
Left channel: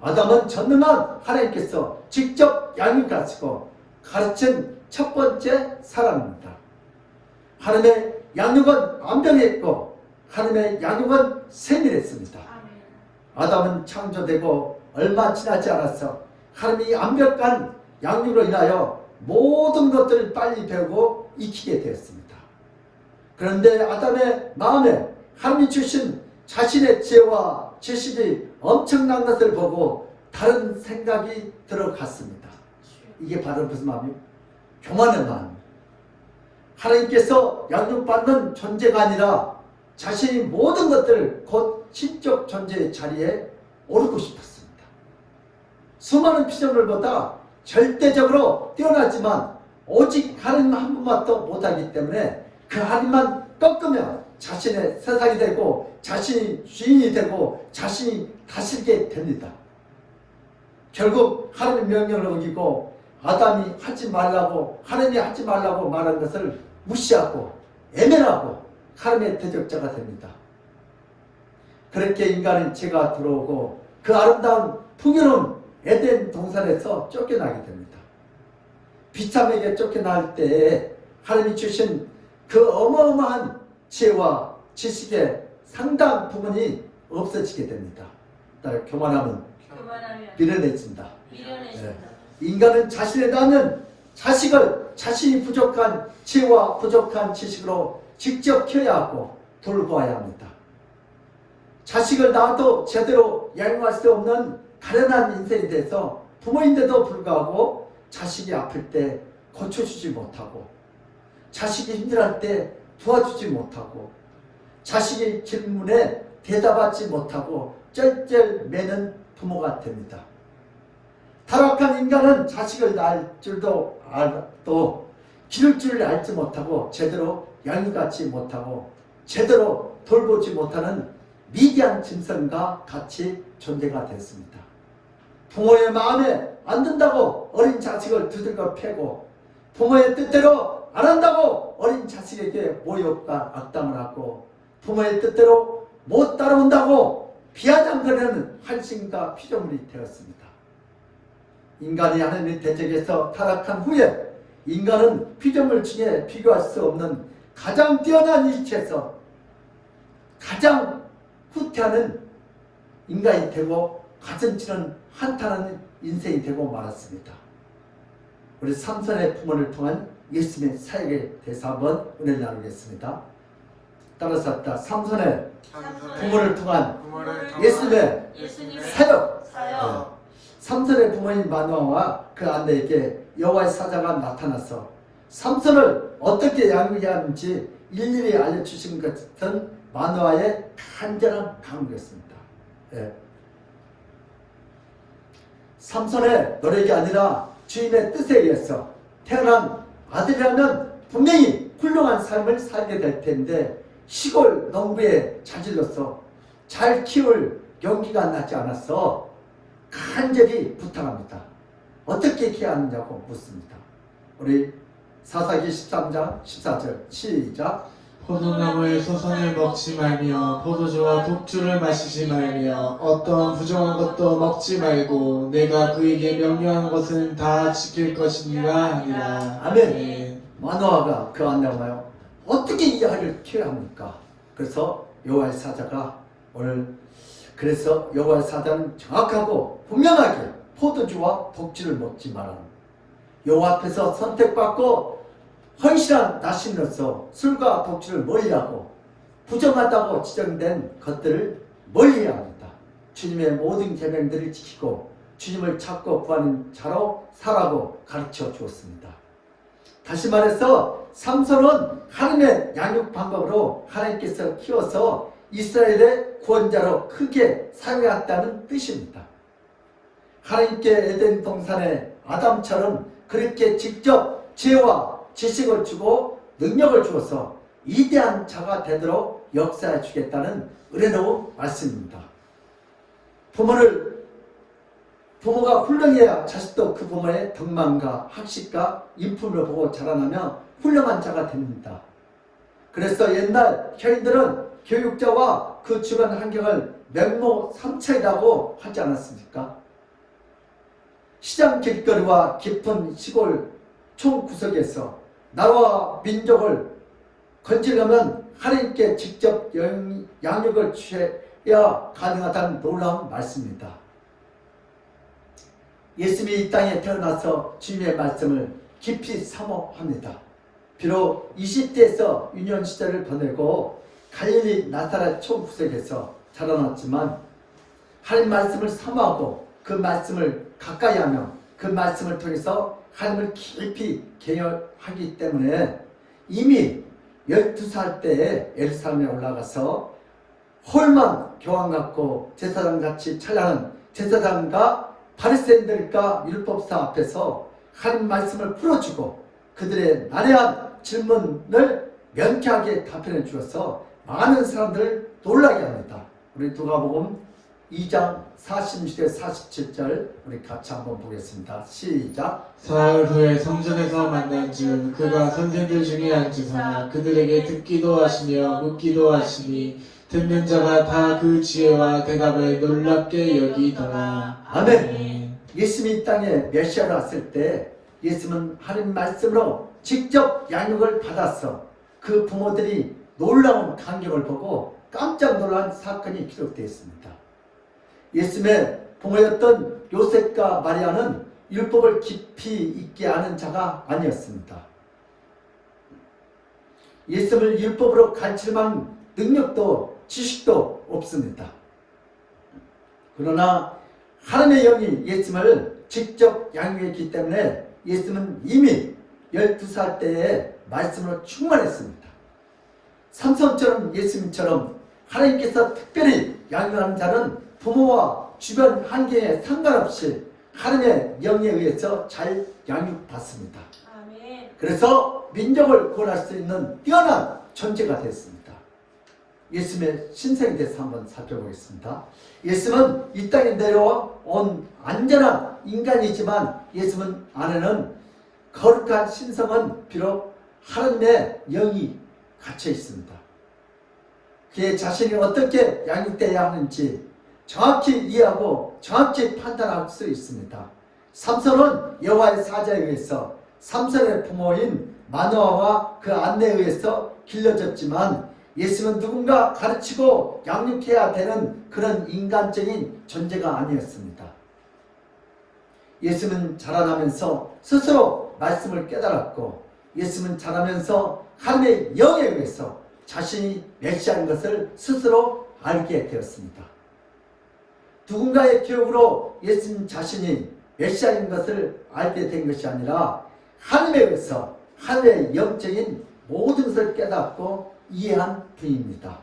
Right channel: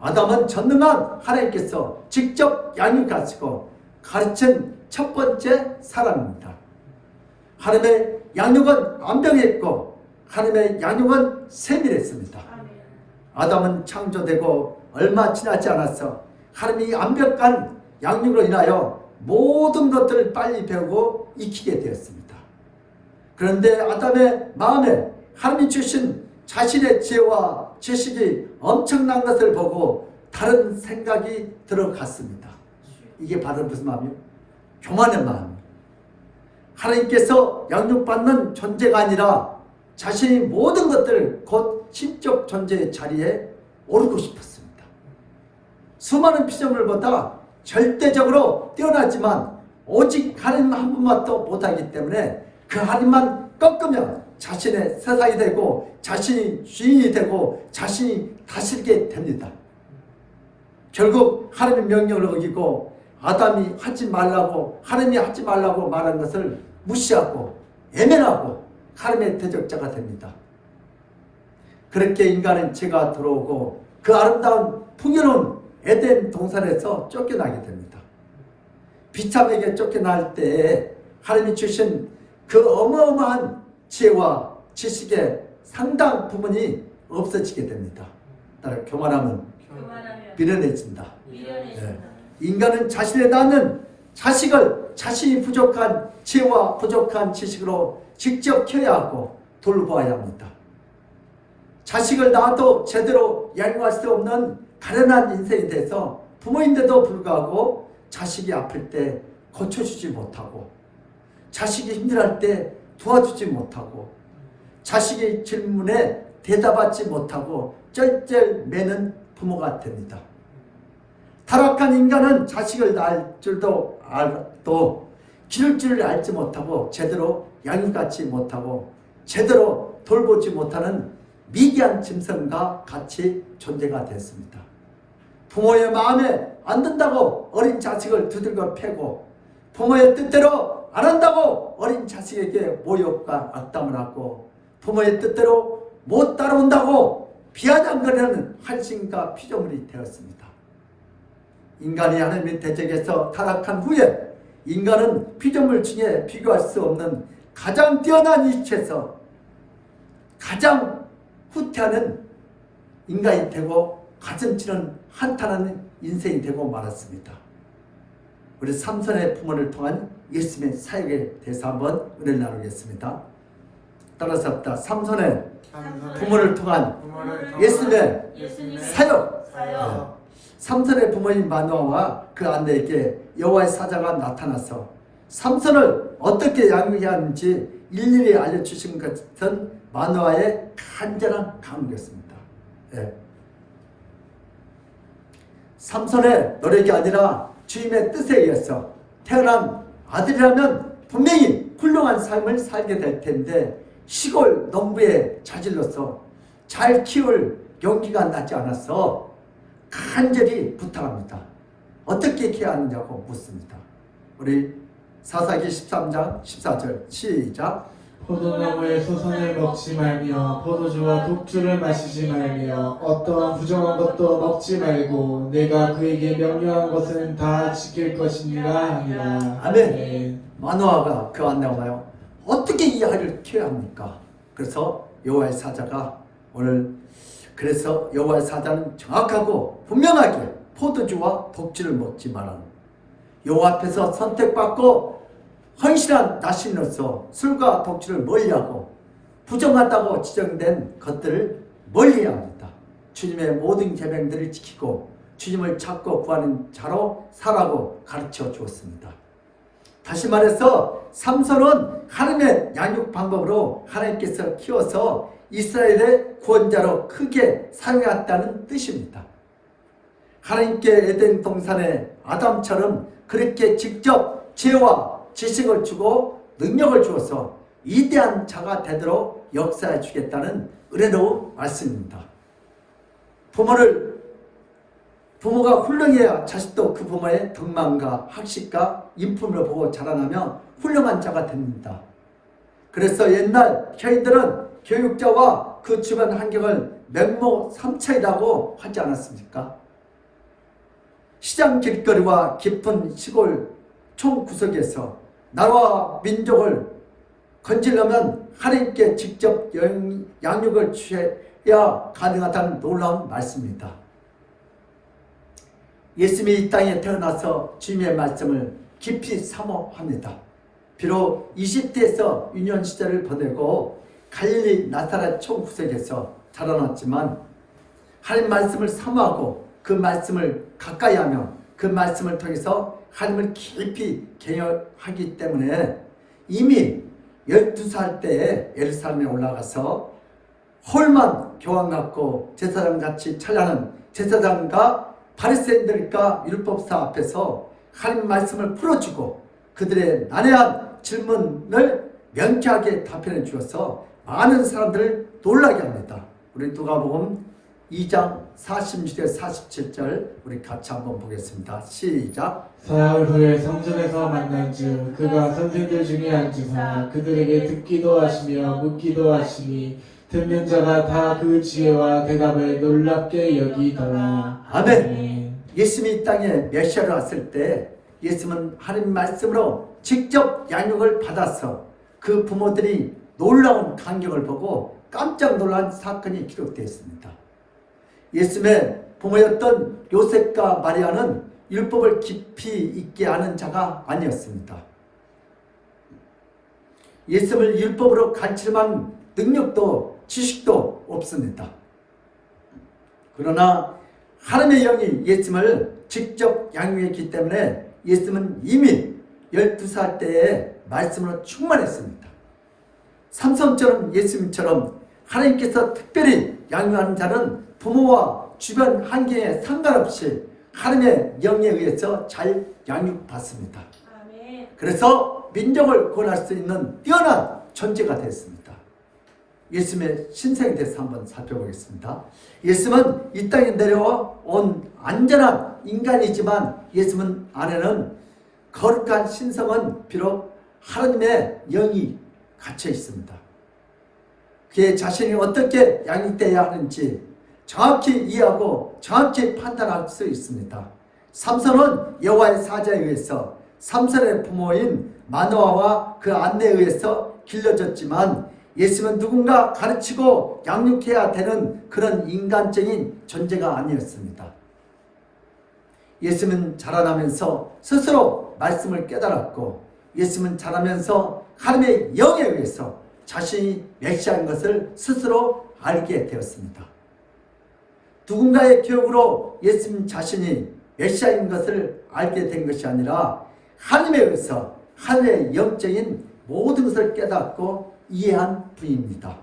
아담은 전능한 하나님께서 직접 양육하시고 가르친 첫 번째 사람입니다. 하나님의 양육은 완벽했고 하나님의 양육은 세밀했습니다. 아담은 창조되고 얼마 지나지 않아서 하나님이 완벽한 양육으로 인하여 모든 것들을 빨리 배우고 익히게 되었습니다. 그런데 아담의 마음에 하나님이 주신 자신의 지혜와 지식이 엄청난 것을 보고 다른 생각이 들어갔습니다. 이게 바로 무슨 마음이요? 교만의 마음이에요. 하나님께서 양육받는 존재가 아니라 자신이 모든 것들을 곧 신적 존재의 자리에 오르고 싶었습니다. 수많은 피조물보다 절대적으로 뛰어나지만 오직 하나님 한 분만도 못하기 때문에 그 하나님만 꺾으면 자신의 세상이 되고 자신이 주인이 되고 자신이 다스리게 됩니다. 결국 하나님의 명령을 어기고 아담이 하지 말라고 하나님이 하지 말라고 말한 것을 무시하고 애면하고 하나님의 대적자가 됩니다. 그렇게 인간은 죄가 들어오고 그 아름다운 풍요로운 에덴 동산에서 쫓겨나게 됩니다. 비참하게 쫓겨날 때에 하나님이 주신 그 어마어마한 지혜와 지식의 상당 부분이 없어지게 됩니다. 따라 교만하면 미련해진다. 네. 인간은 자신에 낳는 자식을 자신이 부족한 지혜와 부족한 지식으로 직접 키워야 하고 돌보아야 합니다. 자식을 낳아도 제대로 양육할 수 없는 가련한 인생이 돼서 부모인데도 불구하고 자식이 아플 때 고쳐주지 못하고 자식이 힘들할 때 도와주지 못하고 자식의 질문에 대답하지 못하고 쩔쩔 매는 부모가 됩니다. 타락한 인간은 자식을 낳을 줄도 알도 기를 줄을 알지 못하고 제대로 양육하지 못하고 제대로 돌보지 못하는 미개한 짐승과 같이 존재가 됐습니다. 부모의 마음에 안 든다고 어린 자식을 두들겨 패고 부모의 뜻대로 안 한다고 어린 자식에게 모욕과 악담을 하고 부모의 뜻대로 못 따라온다고 비아냥거리는 한심과 피조물이 되었습니다. 인간이 하나님의 대적에서 타락한 후에 인간은 피조물 중에 비교할 수 없는 가장 뛰어난 이치에서 가장 후퇴하는 인간이 되고 가슴치는 한탄하는 인생이 되고 말았습니다. 우리 삼손의 부모를 통한 예수님의 사역에 대해서 한번 은혜를 나누겠습니다. 따라서 합니다. 삼손의 부모를 통한 예수님의 사역. 삼손의 부모인 마노아와 그 아내에게 여호와의 사자가 나타나서 삼손을 어떻게 양육해야 하는지 일일이 알려주신 것은 마노아의 간절한 강구였습니다. 예. 삼손의 노력이 아니라 주님의 뜻에 의해서 태어난 아들이라면 분명히 훌륭한 삶을 살게 될 텐데 시골 농부의 자질로서 잘 키울 용기가 나지 않아서 간절히 부탁합니다. 어떻게 해야 하느냐고 묻습니다. 우리 사사기 13장 14절 시작. 포도나무의 소선을 먹지 말며 포도주와 독주를 마시지 말며 어떠한 부정한 것도 먹지 말고 내가 그에게 명령한 것은 다 지킬 것이니라 하니라. 아멘. 네. 마노아가 그 안내와요. 어떻게 이 아이를 키워야 합니까? 그래서 여호와의 사자가 오늘 그래서 여호와의 사자는 정확하고 분명하게 포도주와 독주를 먹지 말라는 여호와 앞에서 선택받고 헌신한 나신으로서 술과 독주를 멀리하고 부정하다고 지정된 것들을 멀리해야 합니다. 주님의 모든 계명들을 지키고 주님을 찾고 구하는 자로 살라고 가르쳐 주었습니다. 다시 말해서 삼손은 하나님의 양육 방법으로 하나님께서 키워서 이스라엘의 구원자로 크게 사용했다는 뜻입니다. 하나님께 에덴 동산의 아담처럼 그렇게 직접 지혜와 지식을 주고 능력을 주어서 위대한 자가 되도록 역사해 주겠다는 은혜로운 말씀입니다. 부모가 훌륭해야 자식도 그 부모의 덕망과 학식과 인품을 보고 자라나며 훌륭한 자가 됩니다. 그래서 옛날 교인들은 교육자와 그 주변 환경을 맹모 삼천이라고 하지 않았습니까? 시장 길거리와 깊은 시골 총구석에서 나라와 민족을 건지려면 하나님께 직접 양육을 취해야 가능하다는 놀라운 말씀입니다. 예수님이 이 땅에 태어나서 주님의 말씀을 깊이 사모합니다. 비록 20대에서 유년 시절을 보내고 갈릴리 나사렛 총구석에서 자라났지만 하나님 말씀을 사모하고 그 말씀을 가까이 하며 그 말씀을 통해서 하나님을 깊이 경외하기 때문에 이미 12살 때에 예루살렘에 올라가서 홀만 교황 같고 제사장같이 찬양하는 제사장과 바리새인들과 율법사 앞에서 하나님 말씀을 풀어주고 그들의 난해한 질문을 명쾌하게 답변해 주어서 많은 사람들을 놀라게 합니다. 우리 누가복음 2장 46절 47절 우리 같이 한번 보겠습니다. 시작. 사흘 후에 성전에서 만난 즉 그가 선생들 중에 앉으사 그들에게 듣기도 하시며 묻기도 하시니 듣는 자가 다 그 지혜와 대답을 놀랍게 여기더라. 아멘. 예수님이 이 땅에 메시아로 왔을 때 예수님은 하나님 말씀으로 직접 양육을 받아서 그 부모들이 놀라운 광경을 보고 깜짝 놀란 사건이 기록되어 있습니다. 예수님의 부모였던 요셉과 마리아는 율법을 깊이 있게 아는 자가 아니었습니다. 예수님을 율법으로 가르칠 만한 능력도 지식도 없습니다. 그러나 하나님의 영이 예수님을 직접 양육했기 때문에 예수님은 이미 12살 때에 말씀으로 충만했습니다. 삼손처럼 예수님처럼 하나님께서 특별히 양육하는 자는 부모와 주변 환경에 상관없이 하나님의 영에 의해서 잘 양육받습니다. 아멘. 그래서 민족을 구원할 수 있는 뛰어난 존재가 됐습니다. 예수님의 신생에 대해서 한번 살펴보겠습니다. 예수님은 이 땅에 내려와 온 안전한 인간이지만 예수님 안에는 거룩한 신성은 비록 하나님의 영이 갇혀 있습니다. 그의 자신이 어떻게 양육되어야 하는지 정확히 이해하고 정확히 판단할 수 있습니다. 삼손은 여호와의 사자에 의해서 삼손의 부모인 마노아와 그 안내에 의해서 길러졌지만 예수님은 누군가 가르치고 양육해야 되는 그런 인간적인 존재가 아니었습니다. 예수님은 자라나면서 스스로 말씀을 깨달았고 예수님은 자라면서 하나님의 영에 의해서 자신이 메시아인 것을 스스로 알게 되었습니다. 누군가의 교육으로 예수님 자신이 메시아인 것을 알게 된 것이 아니라 하나님에 의해서 하나님의 영적인 모든 것을 깨닫고 이해한 분입니다.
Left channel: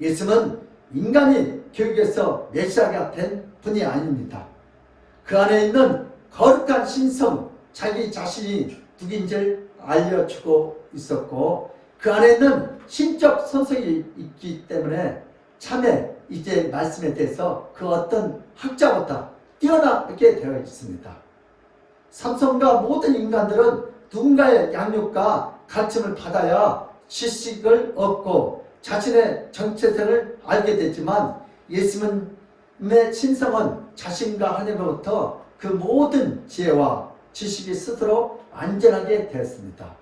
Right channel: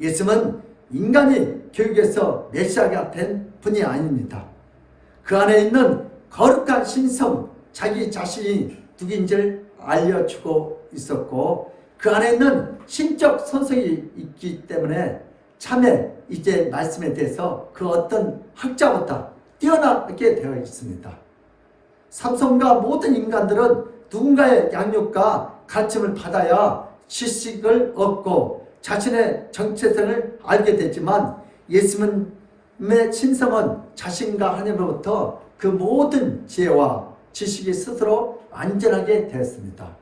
예수님은 인간이 교육에서 메시아가 된 분이 아닙니다. 그 안에 있는 거룩한 신성, 자기 자신이 누구인지를 알려주고 있었고 그 안에 있는 신적 선성이 있기 때문에 참에 이제 말씀에 대해서 그 어떤 학자보다 뛰어나게 되어 있습니다. 삼손과 모든 인간들은 누군가의 양육과 가르침을 받아야 지식을 얻고 자신의 정체성을 알게 되지만 예수님의 신성은 자신과 하나님으로부터 그 모든 지혜와 지식이 스스로 안전하게 되었습니다.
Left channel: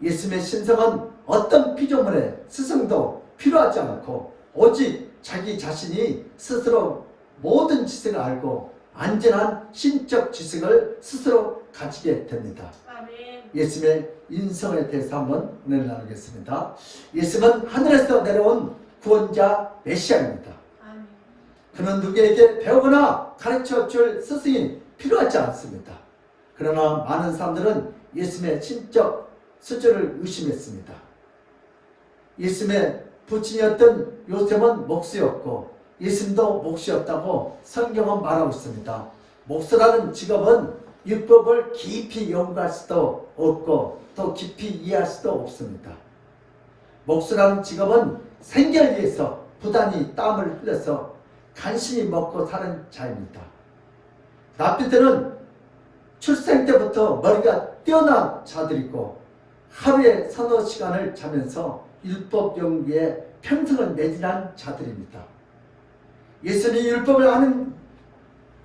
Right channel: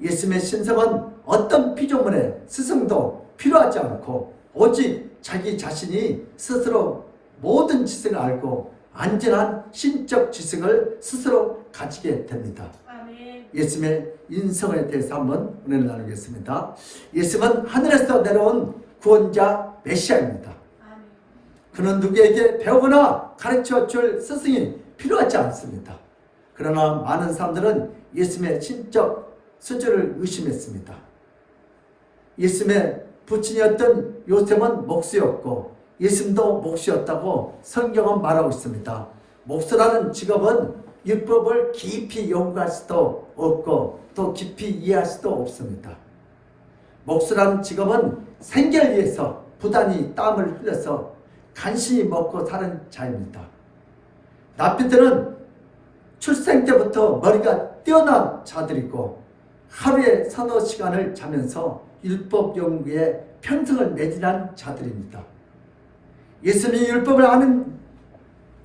예수님의 신성은 어떤 피조물의 스승도 필요하지 않고 오직 자기 자신이 스스로 모든 지식을 알고 안전한 신적 지식을 스스로 가지게 됩니다. 아멘. 예수님의 인성에 대해서 한번 은혜를 나누겠습니다. 예수님은 하늘에서 내려온 구원자 메시아입니다. 아멘. 그는 누구에게 배우거나 가르쳐줄 스승이 필요하지 않습니다. 그러나 많은 사람들은 예수님의 신적 수준을 의심했습니다. 예수님의 부친이었던 요셉은 목수였고 예수님도 목수였다고 성경은 말하고 있습니다. 목수라는 직업은 율법을 깊이 연구할 수도 없고 또 깊이 이해할 수도 없습니다. 목수라는 직업은 생계를 위해서 부단히 땀을 흘려서 간신히 먹고 사는 자입니다. 납비들은 출생 때부터 머리가 뛰어난 자들이고 하루에 서너 시간을 자면서 율법 연구에 평생을 매진한 자들입니다. 예수님이 율법을 아는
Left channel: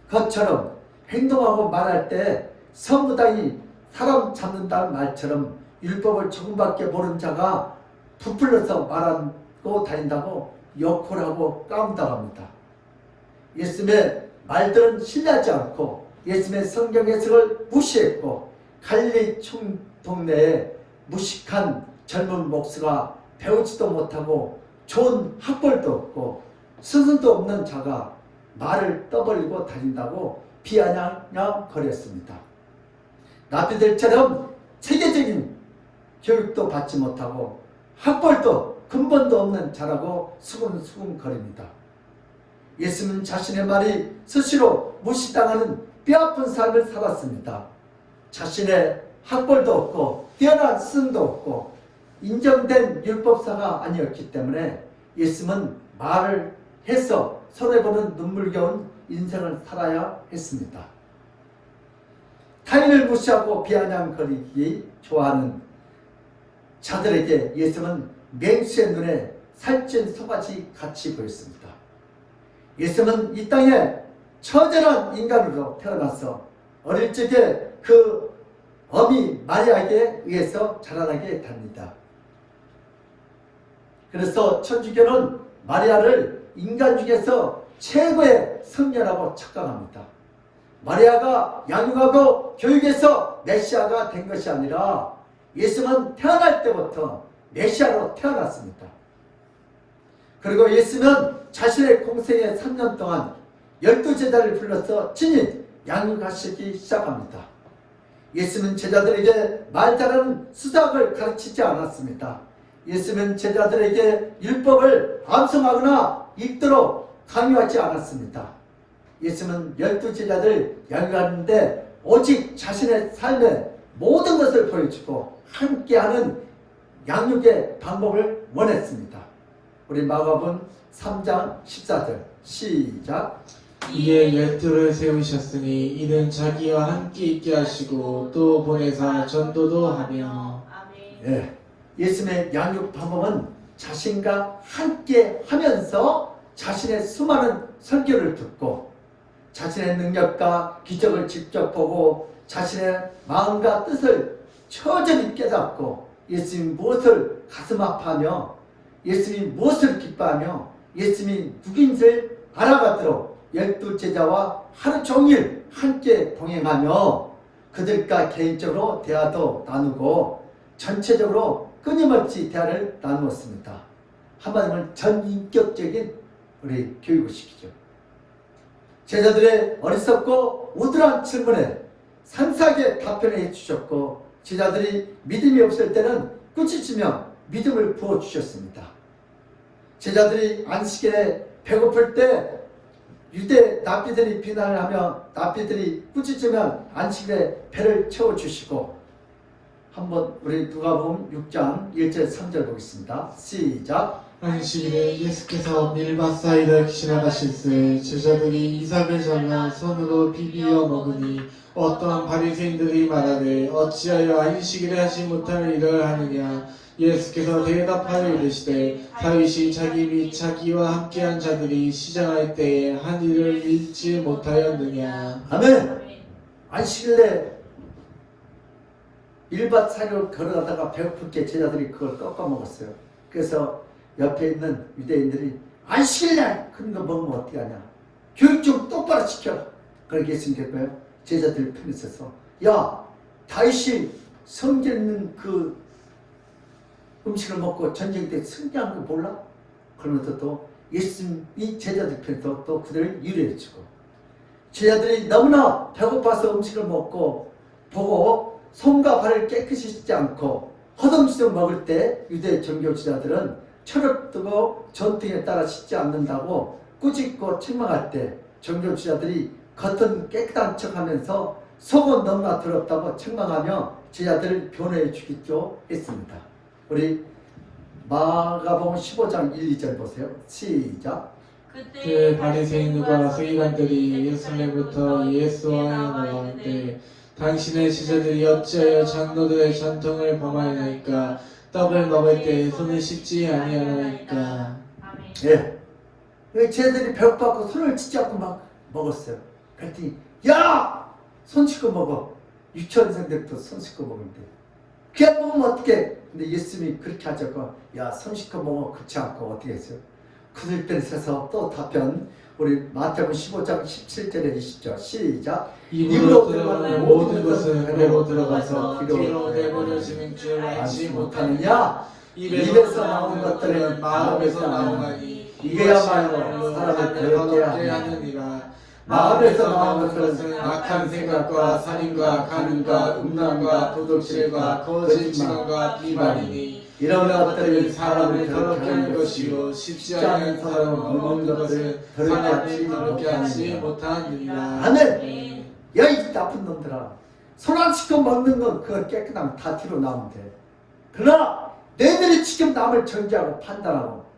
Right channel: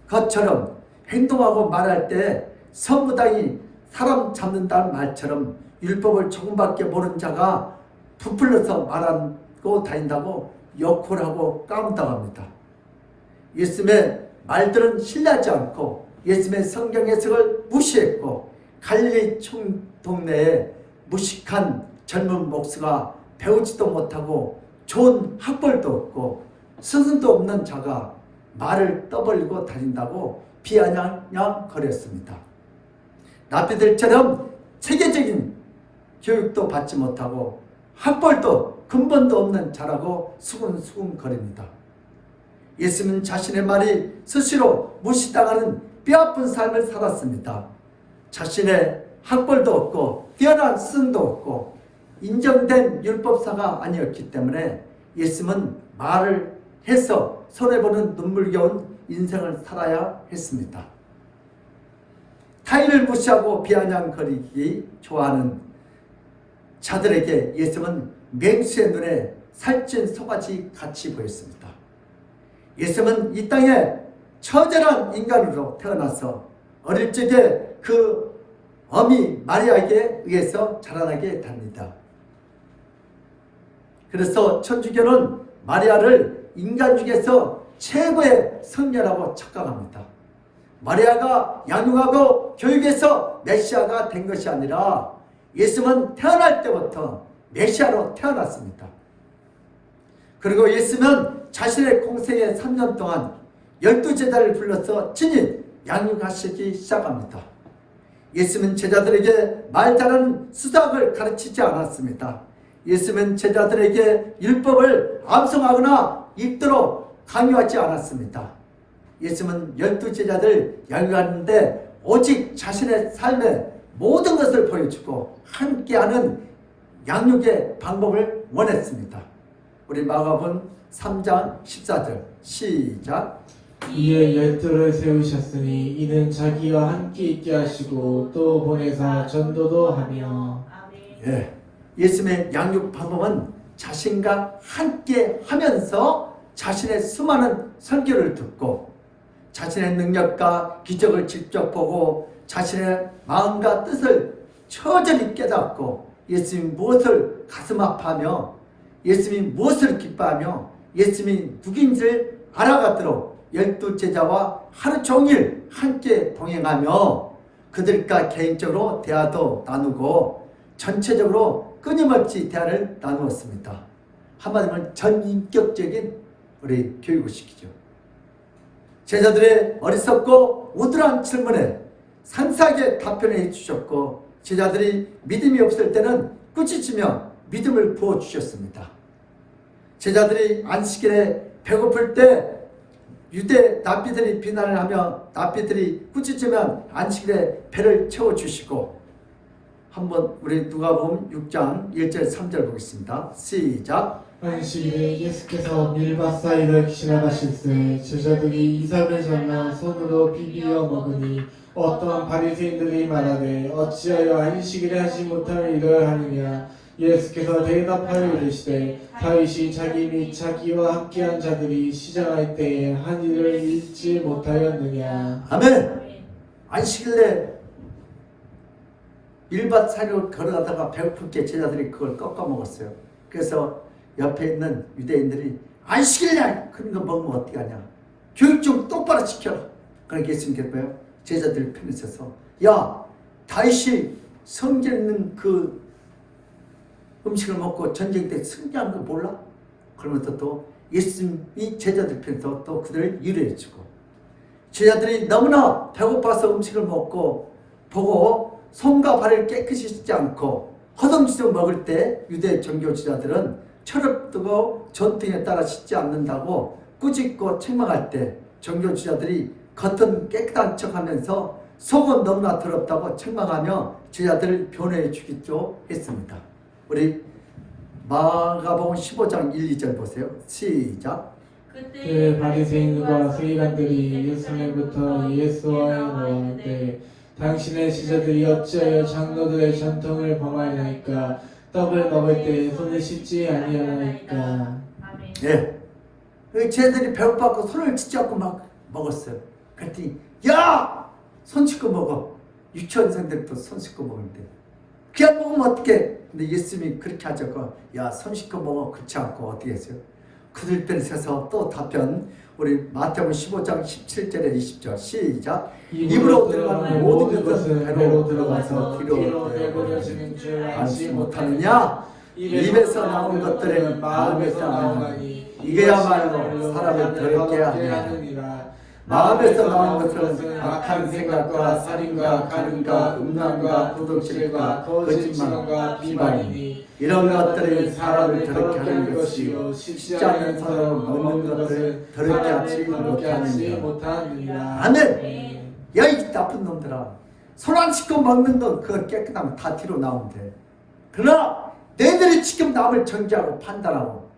것처럼 행동하고 말할 때 서무당이 사람 잡는다는 말처럼 율법을 조금밖에 모르는 자가 부풀려서 말하고 다닌다고 욕을 하고 까문다고 합니다. 예수님의 말들은 신뢰하지 않고 예수님의 성경 해석을 무시했고 갈릴리 동네에 무식한 젊은 목수가 배우지도 못하고 좋은 학벌도 없고 스승도 없는 자가 말을 떠벌리고 다닌다고 비아냥거렸습니다. 랍비들처럼 체계적인 교육도 받지 못하고 학벌도 근본도 없는 자라고 수군수군거립니다. 예수는 자신의 말이 스스로 무시당하는 뼈아픈 삶을 살았습니다. 자신의 학벌도 없고 뛰어난 스승도 없고 인정된 율법사가 아니었기 때문에 예수는 말을 해서 손해보는 눈물겨운 인생을 살아야 했습니다. 타인을 무시하고 비아냥거리기 좋아하는 자들에게 예수는 맹수의 눈에 살찐 송아지 같이 보였습니다. 예수는 이 땅에 처절한 인간으로 태어나서 어릴 적에 그 어미 마리아에게 의해서 자라나게 됩니다. 그래서 천주교는 마리아를 인간 중에서 최고의 성녀라고 착각합니다. 마리아가 양육하고 교육해서 메시아가 된 것이 아니라 예수는 태어날 때부터 메시아로 태어났습니다. 그리고 예수는 자신의 공생의 3년 동안 12제자를 불러서 친히 양육하시기 시작합니다. 예수는 제자들에게 말 잘하는 수학을 가르치지 않았습니다. 예수는 제자들에게 율법을 암송하거나 읽도록 강요하지 않았습니다. 예수는 12제자들 양육하는데 오직 자신의 삶의 모든 것을 보여주고 함께하는 양육의 방법을 원했습니다. 우리 마가복음 3장 14절 시작. 이에 열두를 세우셨으니 이는 자기와 함께 있게 하시고 또 보내사 전도도 하며. 예, 예수님의 양육 방법은 자신과 함께 하면서 자신의 수많은 설교를 듣고 자신의 능력과 기적을 직접 보고 자신의 마음과 뜻을 처절히 깨닫고 예수님이 무엇을 가슴 아파하며 예수님이 무엇을 기뻐하며 예수님이 누구인지를 알아가도록 12제자와 하루 종일 함께 동행하며 그들과 개인적으로 대화도 나누고 전체적으로 끊임없이 대화를 나누었습니다. 한마디로 전인격적인 우리 교육을 시키죠. 제자들의 어리석고 우둔한 질문에 상세하게 답변해 주셨고 제자들이 믿음이 없을 때는 꾸짖으며 믿음을 부어주셨습니다. 제자들이 안식일에 배고플 때 유대 랍비들이 비난을 하며 랍비들이 꾸짖으면 안식일에 배를 채워주시고 한번 우리 누가복음 6장 1절 3절 보겠습니다. 시작. 안식일에 예수께서 밀밭 사이를 지나가실새 제자들이 이삭을 잘라 손으로 비비어 먹으니 어떠한 바리새인들이 말하되 어찌하여 안식일에 하지 못할 일을 하느냐. 예수께서 대답하여 이르시되 다윗이 자기 및 자기와 함께한 자들이 시장할 때에 한 일을 잊지 못하였느냐. 아멘. 안식일에 밀밭 사이로 걸어가다가 배고플 때 제자들이 그걸 꺾어 먹었어요. 그래서 옆에 있는 유대인들이 안식일날 그런 거 먹으면 어떻게 하냐. 교육 좀 똑바로 시켜라. 그러니까 예수님께서 제자들 편에 서서 야 다윗이 성전 있는 그 음식을 먹고 전쟁 때 승리한 거 몰라? 그러면서 또 예수님이 제자들 편에서 또 그들을 유래해주고 제자들이 너무나 배고파서 음식을 먹고 보고 손과 발을 깨끗이 씻지 않고 허둥지둥 먹을 때 유대 정교 지자들은 철없고 전통에 따라 씻지 않는다고 꾸짖고 책망할 때 정교 지자들이 겉은 깨끗한 척하면서 속은 너무나 더럽다고 책망하며 제자들을 변호해 주기도 했습니다. 우리 마가복음 15장 1, 2절 보세요. 시작. 그때 바리새인과 서기관들이 예루살렘부터 예수와 나왔는데 당신의 제자들이 어찌하여 장로들의 전통을 범하나이까. 떡을 먹을 때 손을 씻지 아니하나이까. 예, 제자들이 배고파서 손을 씻지 않고 막 먹었어요. 그랬더니 야! 손 씻고 먹어. 유치원생들도 손 씻고 먹는데 그냥 먹으면 어떡해. 근데 예수님이 그렇게 하자고 야 손 씻고 먹어. 그렇지 않고 어떻게 했어요? 그들 편에 서서 또 답변 우리 마태복음 15장 17절에 20절 시작. 입으로 들어가는 모든 것은 배로 들어가서 뒤로 내버려지는 줄 알지 못하느냐. 입에서 나온 것들은 마음에서 나오나니 이게야말로 사람을 더럽게 하느니라. 마음에서 나온 것들은 악한 생각과 살인과 간음과 음란과 도둑질과 거짓말과 비방이니 이런 것들이 사람을 더럽게 더럽게 하는 하는 것이요 것이요 쉽지 않은 사람을 먹는 것을 더럽게 하지 못하느니라. 아멘. 야 이 나쁜 놈들아, 손 안 씻고 먹는 건 그거 깨끗하면 다 뒤로 나오면 돼. 그러나 너희들이 지금 남을 정죄하고 판단하고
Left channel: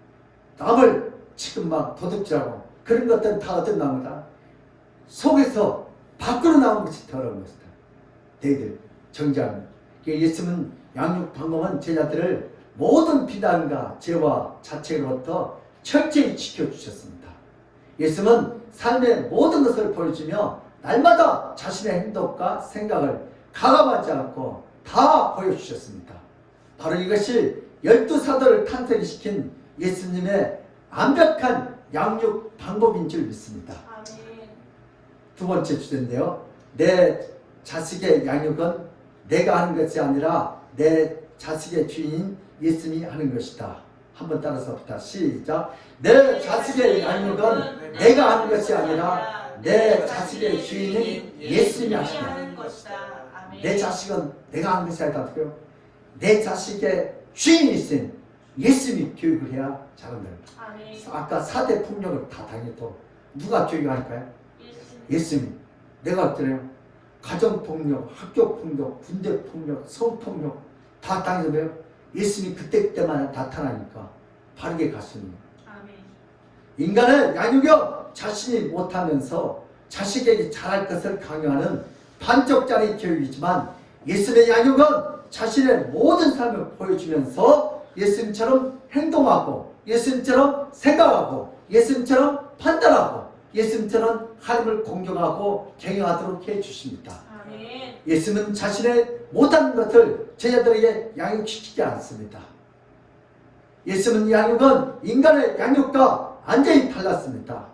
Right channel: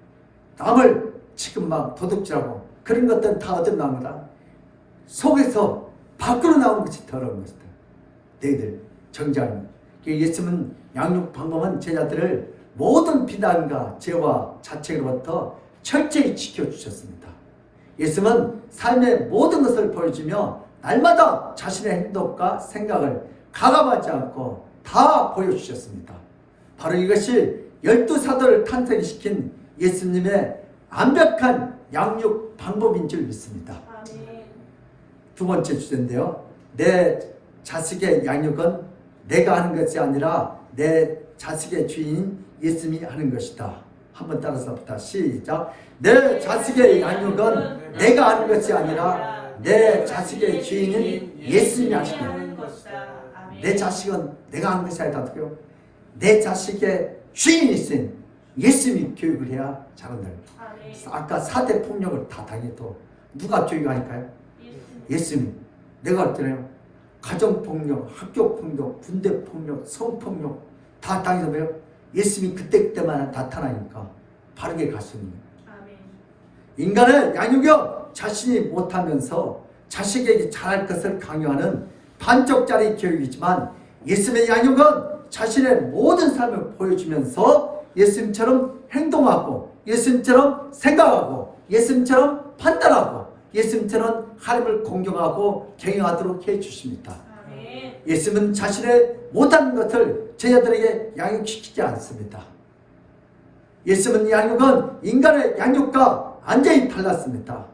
남을 지금 막 도둑질하고 그런 것들은 다 어떤 나무다? 속에서 밖으로 나오는 것이 더러운 것이다. 너희들 정죄하는. 예수님은 양육 방법은 제자들을 모든 비난과 죄와 자책으로부터 철저히 지켜주셨습니다. 예수님은 삶의 모든 것을 보여주며 날마다 자신의 행동과 생각을 가감하지 않고 다 보여주셨습니다. 바로 이것이 12사도를 탄생시킨 예수님의 완벽한 양육 방법인 줄 믿습니다. 아멘. 두 번째 주제인데요. 내 자식의 양육은 내가 하는 것이 아니라 내 자식의 주인인 예수님이 하는 것이다. 한번 따라서 봅시다. 시작. 내 자식의 양육은 내가 하는 것이 아니라 내 자식의 주인인 예수님이 하시는 것이다. 내 자식은 내가 하는 것이 아니라 내 자식의 주인이신 예수님이 교육을 해야 자라는다. 아까 4대 폭력을 다 당해도 누가 교육하니까요? 예수님. 내가 그랬잖아요. 가정폭력, 학교폭력, 군대폭력, 성폭력 다 당해서요. 예수님이 그때그때만 나타나니까 바르게 갔습니다. 인간은 양육을 자신이 못하면서 자식에게 잘할 것을 강요하는 반쪽짜리 교육이지만 예수님의 양육은 자신의 모든 삶을 보여주면서 예수님처럼 행동하고 예수님처럼 생각하고 예수님처럼 판단하고 예수님처럼 하나님을 공경하고 경외하도록 해주십니다. 예수님은 자신의 못하는 것을 제자들에게 양육시키지 않습니다. 예수님은 양육은 인간의 양육과 완전히 달랐습니다.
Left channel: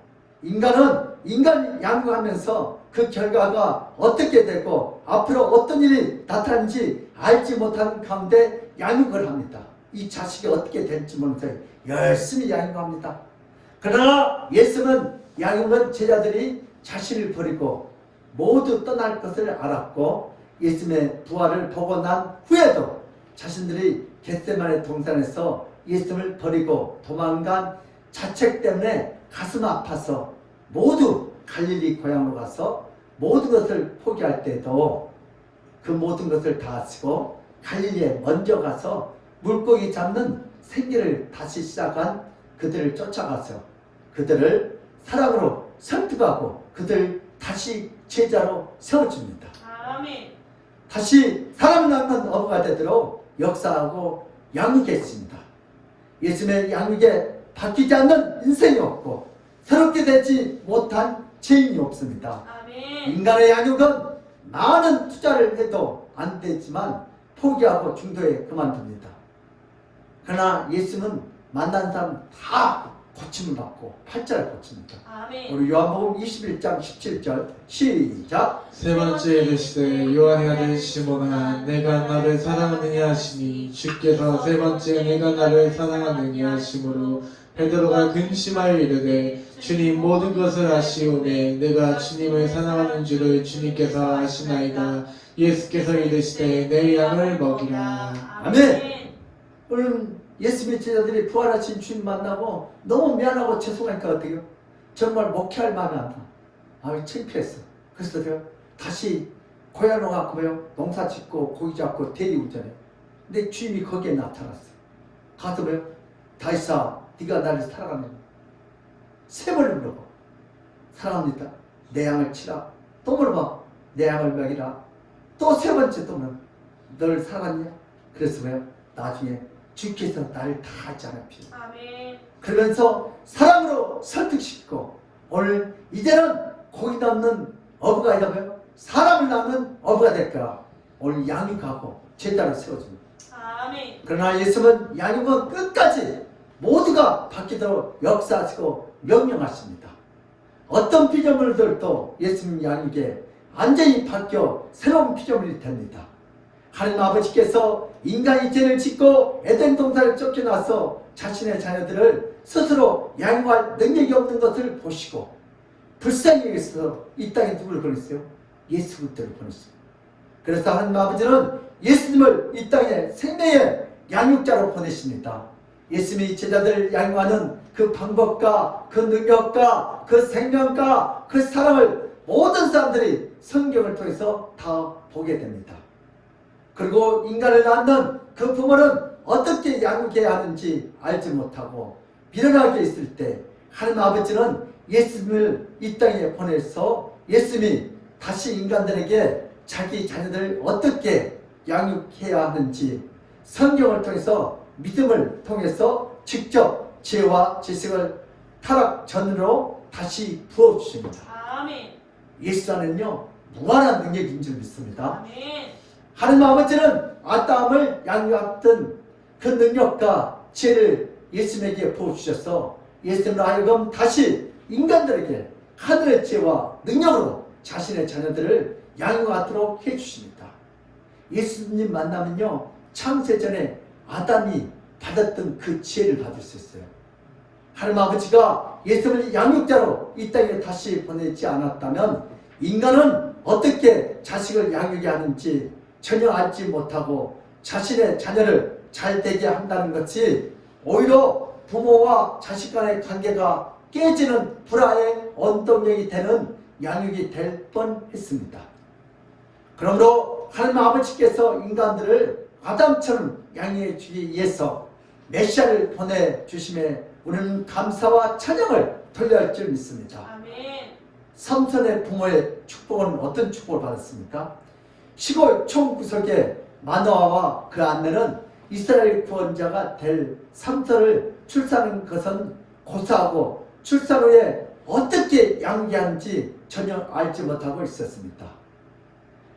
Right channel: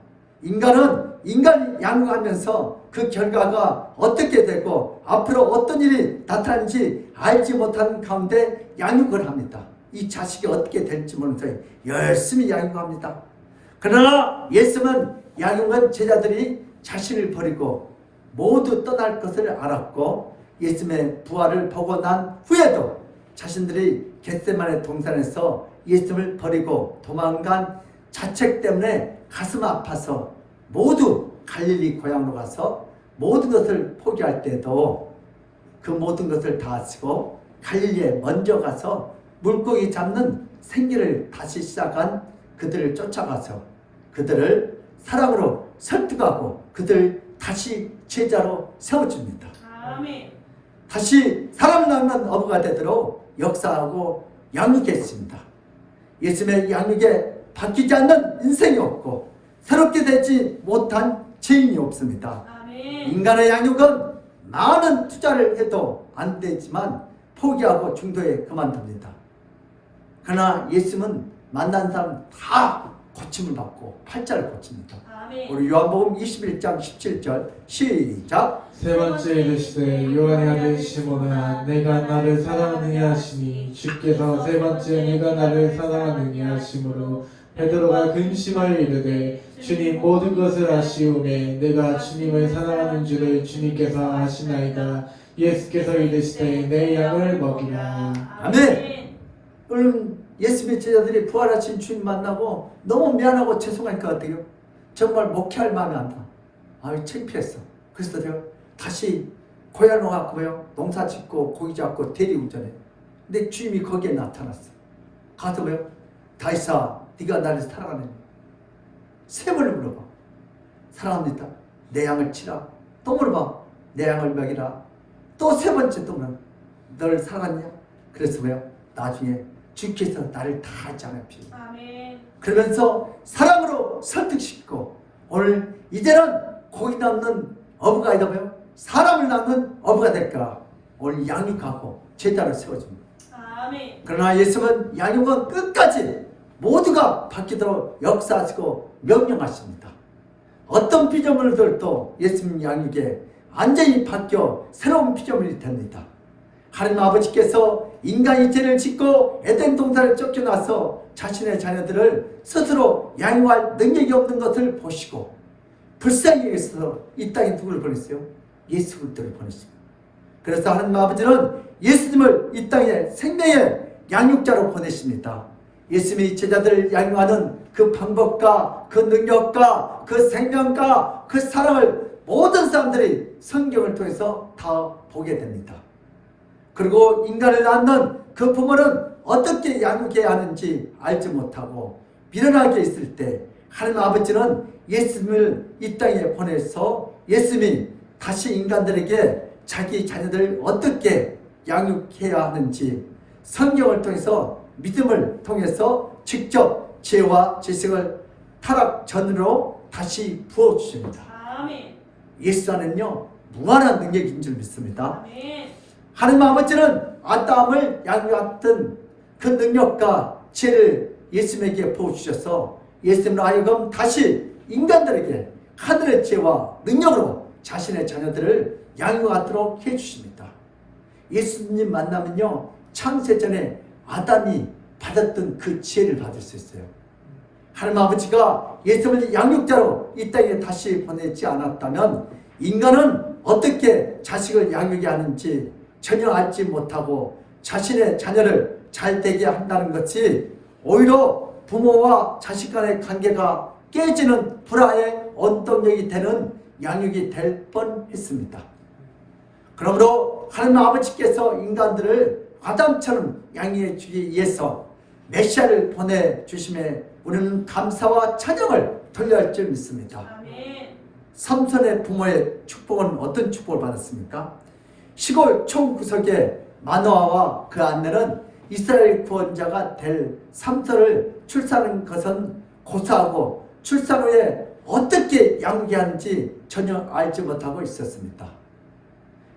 인간은 인간이 양육하면서 그 결과가 어떻게 되고 앞으로 어떤 일이 나타나는지 알지 못하는 가운데 양육을 합니다. 이 자식이 어떻게 될지 모르면서 열심히 양육합니다. 그러나 예수님은 양육은 제자들이 자신을 버리고 모두 떠날 것을 알았고 예수님의 부활을 보고 난 후에도 자신들이 겟세마네 동산에서 예수님을 버리고 도망간 자책 때문에 가슴 아파서 모두 갈릴리 고향으로 가서 모든 것을 포기할 때도 그 모든 것을 다 하시고 갈릴리에 먼저 가서 물고기 잡는 생계를 다시 시작한 그들을 쫓아가서 그들을 사랑으로 설득하고 그들 다시 제자로 세워줍니다. 아멘. 다시 사람 낳는 어부가 되도록 역사하고 양육했습니다. 예수님의 양육에 바뀌지 않는 인생이 없고 새롭게 되지 못한 죄인이 없습니다. 아멘. 인간의 양육은 많은 투자를 해도 안 되지만 포기하고 중도에 그만둡니다. 그러나 예수님은 만난 사람 다 고침을 받고 팔자를 고칩니다. 아멘. 우리 요한복음 21장 17절 시작. 세 번째 이르시되 요한의 아들 시몬아 내가 나를 사랑하느냐 하시니 주께서 세 번째 내가 나를 사랑하느냐 하심으로 베드로가 근심하여 이르되 주님 모든 것을 아시오매 내가 주님을 사랑하는 줄을 주님께서 아시나이다. 예수께서 이르시되 내 양을 먹이라. 아멘. 오늘 예수님의 제자들이 부활하신 주님 만나고 너무 미안하고 죄송하니까 어때요? 정말 목회할 마음이 안 나. 아유 창피했어. 그래서 내가 다시 고향으로 갔고요. 농사 짓고 고기 잡고 대리운전해. 근데 주님이 거기에 나타났어. 가서 왜요? 다윗아 네가 나를 사랑하느냐? 세 번을 물어봐. 사랑합니다. 내 양을 치라. 또 물어봐. 내 양을 먹이라. 또 세 번째 또 물어봐. 너를 사랑하느냐? 그래서 왜요? 나중에 주께서 나를 다 하잖아요. 아멘. 그러면서 사랑으로 설득시키고 오늘 이제는 고기 낳는 어부가 아니라 뭐예요? 사람을 낳는 어부가 될까? 오늘 양육하고 제자를 세워줍니다. 아멘. 그러나 예수님은 양육은 끝까지 모두가 바뀌도록 역사하시고 명령하십니다. 어떤 피조물들도 예수님 양육에 완전히 바뀌어 새로운 피조물이 됩니다. 하나님 아버지께서 인간이 죄를 짓고 에덴 동산을 쫓겨나서 자신의 자녀들을 스스로 양육할 능력이 없는 것을 보시고 불쌍히 여기서 이 땅에 누구를 보냈어요? 예수 그리스도를 보냈습니다. 그래서 하나님 아버지는 예수님을 이 땅에 생명의 양육자로 보내십니다. 예수님이 제자들을 양육하는 그 방법과 그 능력과 그 생명과 그 사랑을 모든 사람들이 성경을 통해서 다 보게 됩니다. 그리고 인간을 낳는 그 부모는 어떻게 양육해야 하는지 알지 못하고 미련하게 있을 때 하나님 아버지는 예수님을 이 땅에 보내서 예수님이 다시 인간들에게 자기 자녀들을 어떻게 양육해야 하는지 성경을 통해서 믿음을 통해서 직접 지혜와 지식을 타락 전으로 다시 부어주십니다. 아멘. 예수 안에는요 무한한 능력인 줄 믿습니다. 아멘. 하나님 아버지는 아담을 양육했던 그 능력과 지혜를 예수님에게 부어주셔서 예수님으로 하여금 다시 인간들에게 하늘의 지혜와 능력으로 자신의 자녀들을 양육하도록 해주십니다. 예수님 만나면요 창세전에 아담이 받았던 그 지혜를 받을 수 있어요. 하나님 아버지가 예수님을 양육자로 이 땅에 다시 보내지 않았다면 인간은 어떻게 자식을 양육해야 하는지 전혀 알지 못하고 자신의 자녀를 잘 되게 한다는 것이 오히려 부모와 자식 간의 관계가 깨지는 불화의 원동력이 되는 양육이 될 뻔했습니다. 그러므로 하나님 아버지께서 인간들을 아담처럼 양육해 주기 위해서 메시아를 보내주심에 우리는 감사와 찬양을 돌려야 할 줄 믿습니다. 아멘. 삼손의 부모의 축복은 어떤 축복을 받았습니까? 시골 총구석에 마노아와 그 아내는 이스라엘 구원자가 될 삼손을 출산한 것은 고사하고 출산 후에 어떻게 양육해야 하는지 전혀 알지 못하고 있었습니다.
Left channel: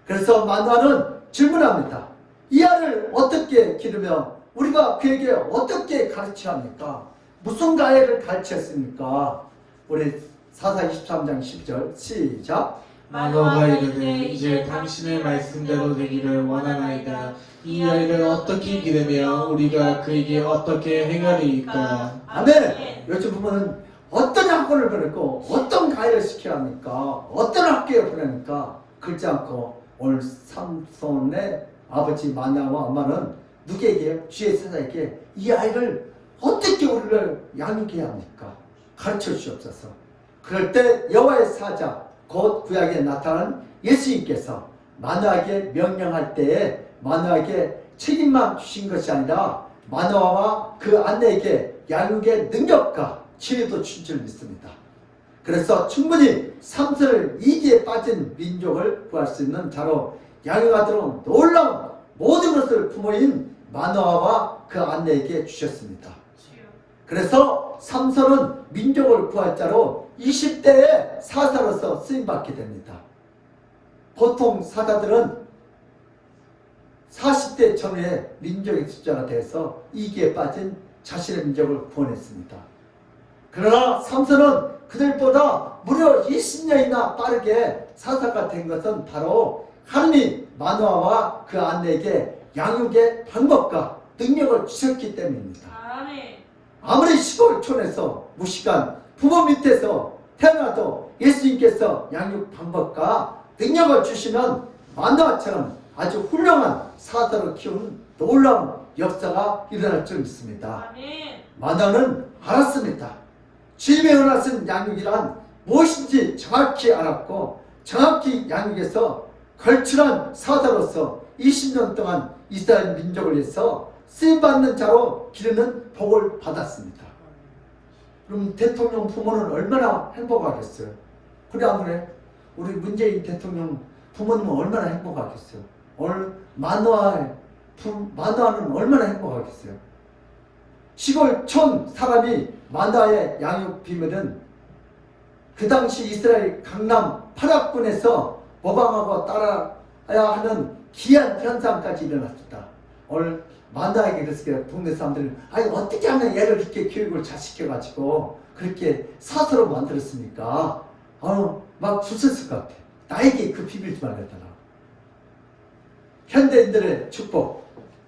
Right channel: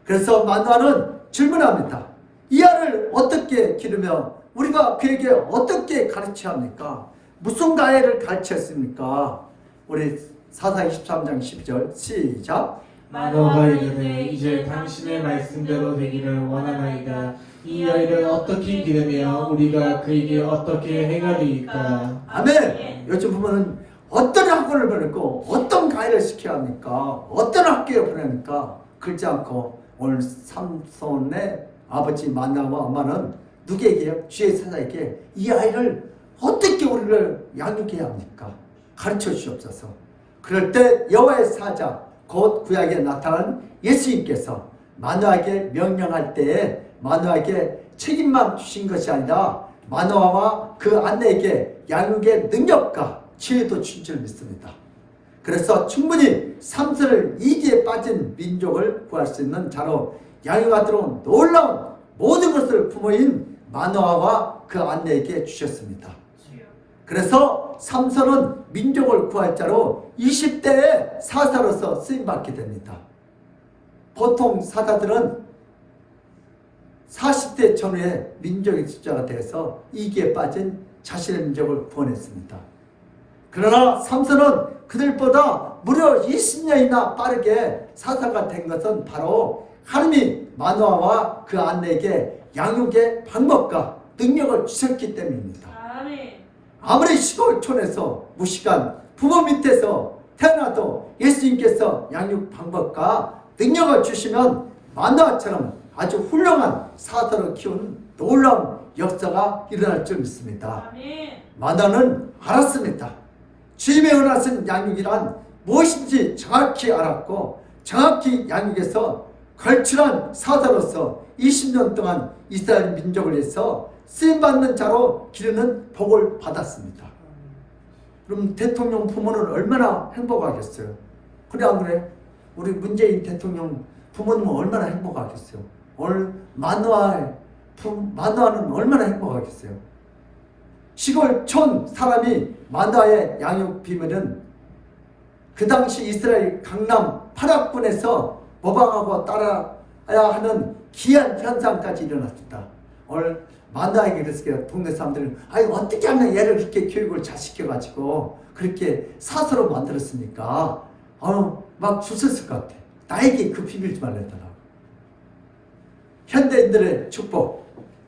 그래서 마노아는 질문합니다. 이 아이를 어떻게 기르며 우리가 그에게 어떻게 가르쳐야 합니까? 무슨 가해를 가르쳤습니까? 우리 사사 23장 12절 시작. 마노아가 이르되 이제 당신의 말씀대로 되기를 원하나이다. 이 아이를 어떻게 기르며 우리가 그에게 어떻게 행하리이까. 아멘. 요즘 보면은 어떤 학원을 보냈고 어떤 가해를 시켜야 합니까? 어떤 학교에 보냅니까? 그렇지 않고 오늘 삼손의 아버지 마노아와 엄마는 누구에게요? 주의 사자에게 이 아이를 어떻게 우리를 양육해야 합니까? 가르쳐 주시옵소서. 그럴 때 여호와의 사자 곧 구약에 나타난 예수님께서 마노아에게 명령할 때에 마노아에게 책임만 주신 것이 아니라 마노아와 그 아내에게 양육의 능력과 지혜도 준 줄 믿습니다. 그래서 충분히 삼손을 이기에 빠진 민족을 구할 수 있는 자로 양육하도록 놀라운 모든 것을 부모인 마노아와 그 아내에게 주셨습니다. 그래서 삼손은 민족을 구할 자로 20대의 사사로서 쓰임받게 됩니다. 보통 사사들은 40대 전후에 민족의 숫자가 돼서 이기에 빠진 자신의 민족을 구원했습니다. 그러나 삼손은 그들보다 무려 20년이나 빠르게 사사가 된 것은 바로 하나님이 마노아와 그 아내에게 양육의 방법과 능력을 주셨기 때문입니다. 아멘. 아무리 시골촌에서 무식한 부모 밑에서 태어나도 예수님께서 양육 방법과 능력을 주시면 마노아처럼 아주 훌륭한 사사로 키운 놀라운 역사가 일어날 줄 믿습니다. 아멘. 마노아는 알았습니다. 주님의 은하신 양육이란 무엇인지 정확히 알았고 정확히 양육해서 걸출한 사사로서 20년 동안 이스라엘 민족을 위해서 쓰임받는 자로 기르는 복을 받았습니다. 그럼 대통령 부모는 얼마나 행복하겠어요? 그래 안 그래? 우리 문재인 대통령 부모님은 얼마나 행복하겠어요? 오늘 마노아는 얼마나 행복하겠어요? 시골촌 사람이 마노아의 양육 비밀은 그 당시 이스라엘 강남 파락군에서 모방하고 따라야 하는 기이한 현상까지 일어났습니다. 오늘 마노아에게 그랬어요. 동네 사람들은 아니 어떻게 하면 얘를 이렇게 교육을 잘 시켜가지고 그렇게 사서로 만들었습니까? 막 주셨을 것 같아. 나에게 그 비밀 좀 알려달라. 현대인들의 축복.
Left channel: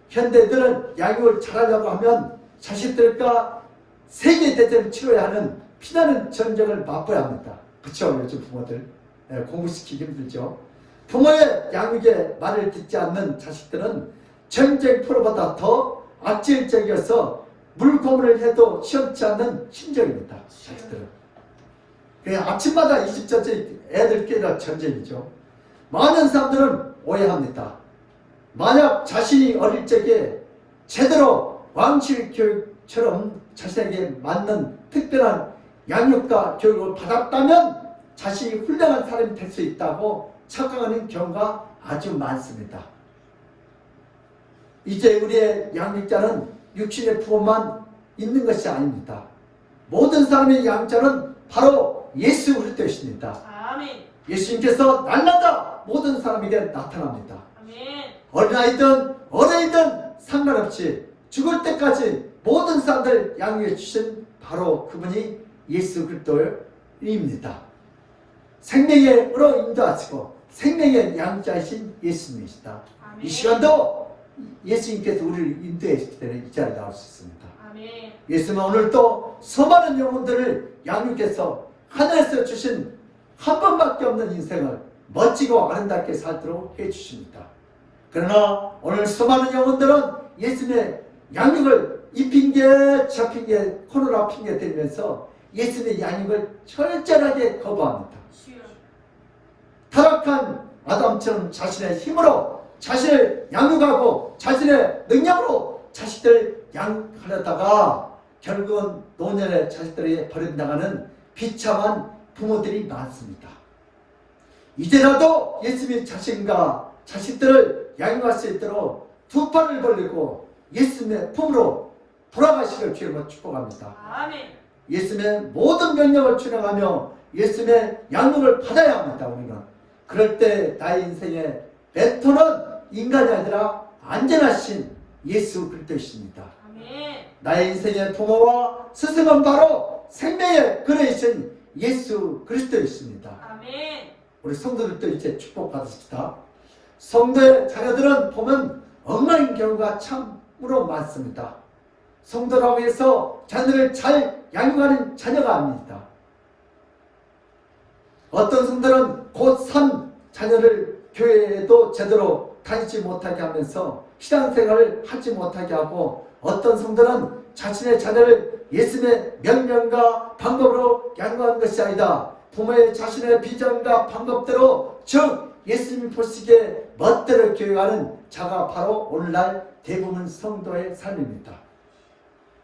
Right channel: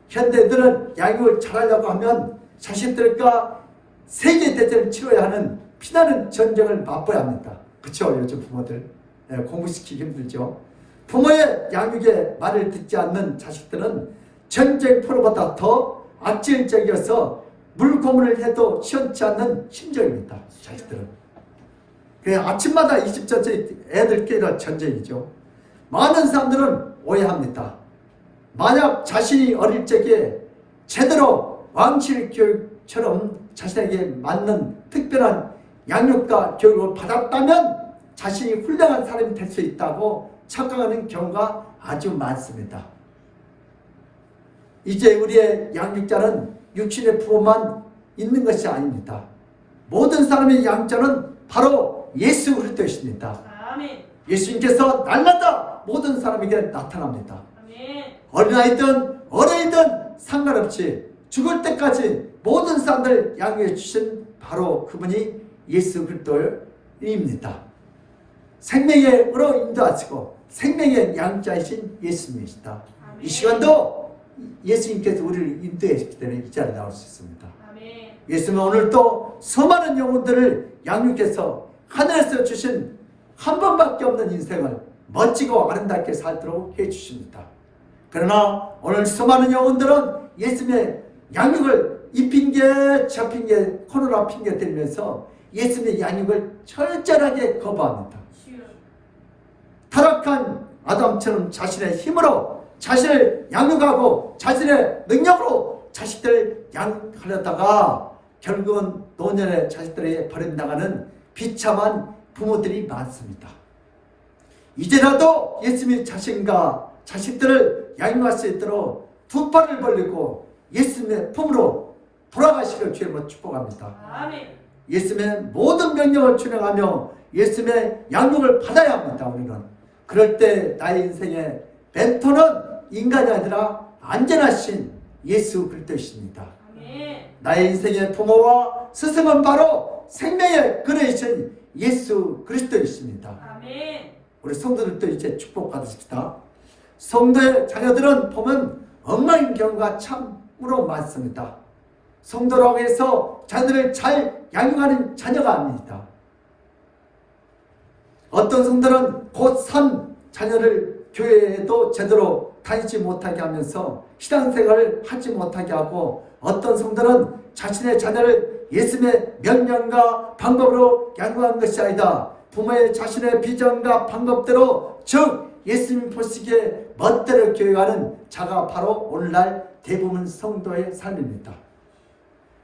현대인들은 양육을 잘하려고 하면 자식들과 세계대전을 치러야 하는 피나는 전쟁을 맛보야 합니다. 그렇죠? 요즘 부모들 공부시키기 힘들죠. 부모의 양육에 말을 듣지 않는 자식들은 전쟁 포로보다 더 악질적이어서 물고문을 해도 시원치 않는 심정입니다. 자식들은. 아침마다 20전째 애들끼리 전쟁이죠. 많은 사람들은 오해합니다. 만약 자신이 어릴 적에 제대로 왕실 교육처럼 자신에게 맞는 특별한 양육과 교육을 받았다면 자신이 훌륭한 사람이 될 수 있다고 착각하는 경우가 아주 많습니다. 이제 우리의 양육자는 육신의 부모만 있는 것이 아닙니다. 모든 사람의 양육자는 바로 예수 그리스도이십니다. 아멘. 예수님께서 날마다 모든 사람에게 나타납니다. 아멘. 어린아이든 어린이든 상관없이 죽을 때까지 모든 사람들 양육해 주신 바로 그분이 예수 그리스도입니다. 생명의 으로 인도하시고 생명의 양자이신 예수님이시다. 아멘. 이 시간도 예수님께서 우리를 인도해 주기 때문에 이 자리에 나올 수 있습니다. 아멘. 예수님은 오늘도 수많은 영혼들을 양육해서 하늘에서 주신 한 번밖에 없는 인생을 멋지고 아름답게 살도록 해주십니다. 그러나 오늘 수많은 영혼들은 예수님의 양육을 이 핑계 저 핑계 코로나 핑계 대면서 예수님의 양육을 철저하게 거부합니다. 주여. 타락한 아담처럼 자신의 힘으로 자신을 양육하고 자신의 능력으로 자식들을 양육하려다가 결국은 노년의 자식들에게 버려나가는 비참한 부모들이 많습니다. 이제라도 예수님의 자신과 자식들을 양육할 수 있도록 두 팔을 벌리고 예수님의 품으로 돌아가시길 주님으로 축복합니다. 아멘. 예수님의 모든 명령을 준행하며 예수님의 양육을 받아야 합니다. 우리는 그럴 때 나의 인생의 멘토는 인간이 아니라 안전하신 예수 그리스도이십니다. 아멘. 나의 인생의 부모와 스승은 바로 생명의 근원이신 예수 그리스도이십니다. 아멘. 우리 성도들도 이제 축복 받으십시다. 성도의 자녀들은 보면 엉망인 경우가 참으로 많습니다. 성도라고 해서 자녀를 잘 양육하는 자녀가 아닙니다. 어떤 성도는 곧3 자녀를 교회에도 제대로 다니지 못하게 하면서 신앙생활을 하지 못하게 하고 어떤 성도는 자신의 자녀를 예수님의 명령과 방법으로 양육한 것이 아니다. 부모의 자신의 비전과 방법대로 즉 예수님 보시기에 멋대로 교육하는 자가 바로 오늘날 대부분 성도의 삶입니다.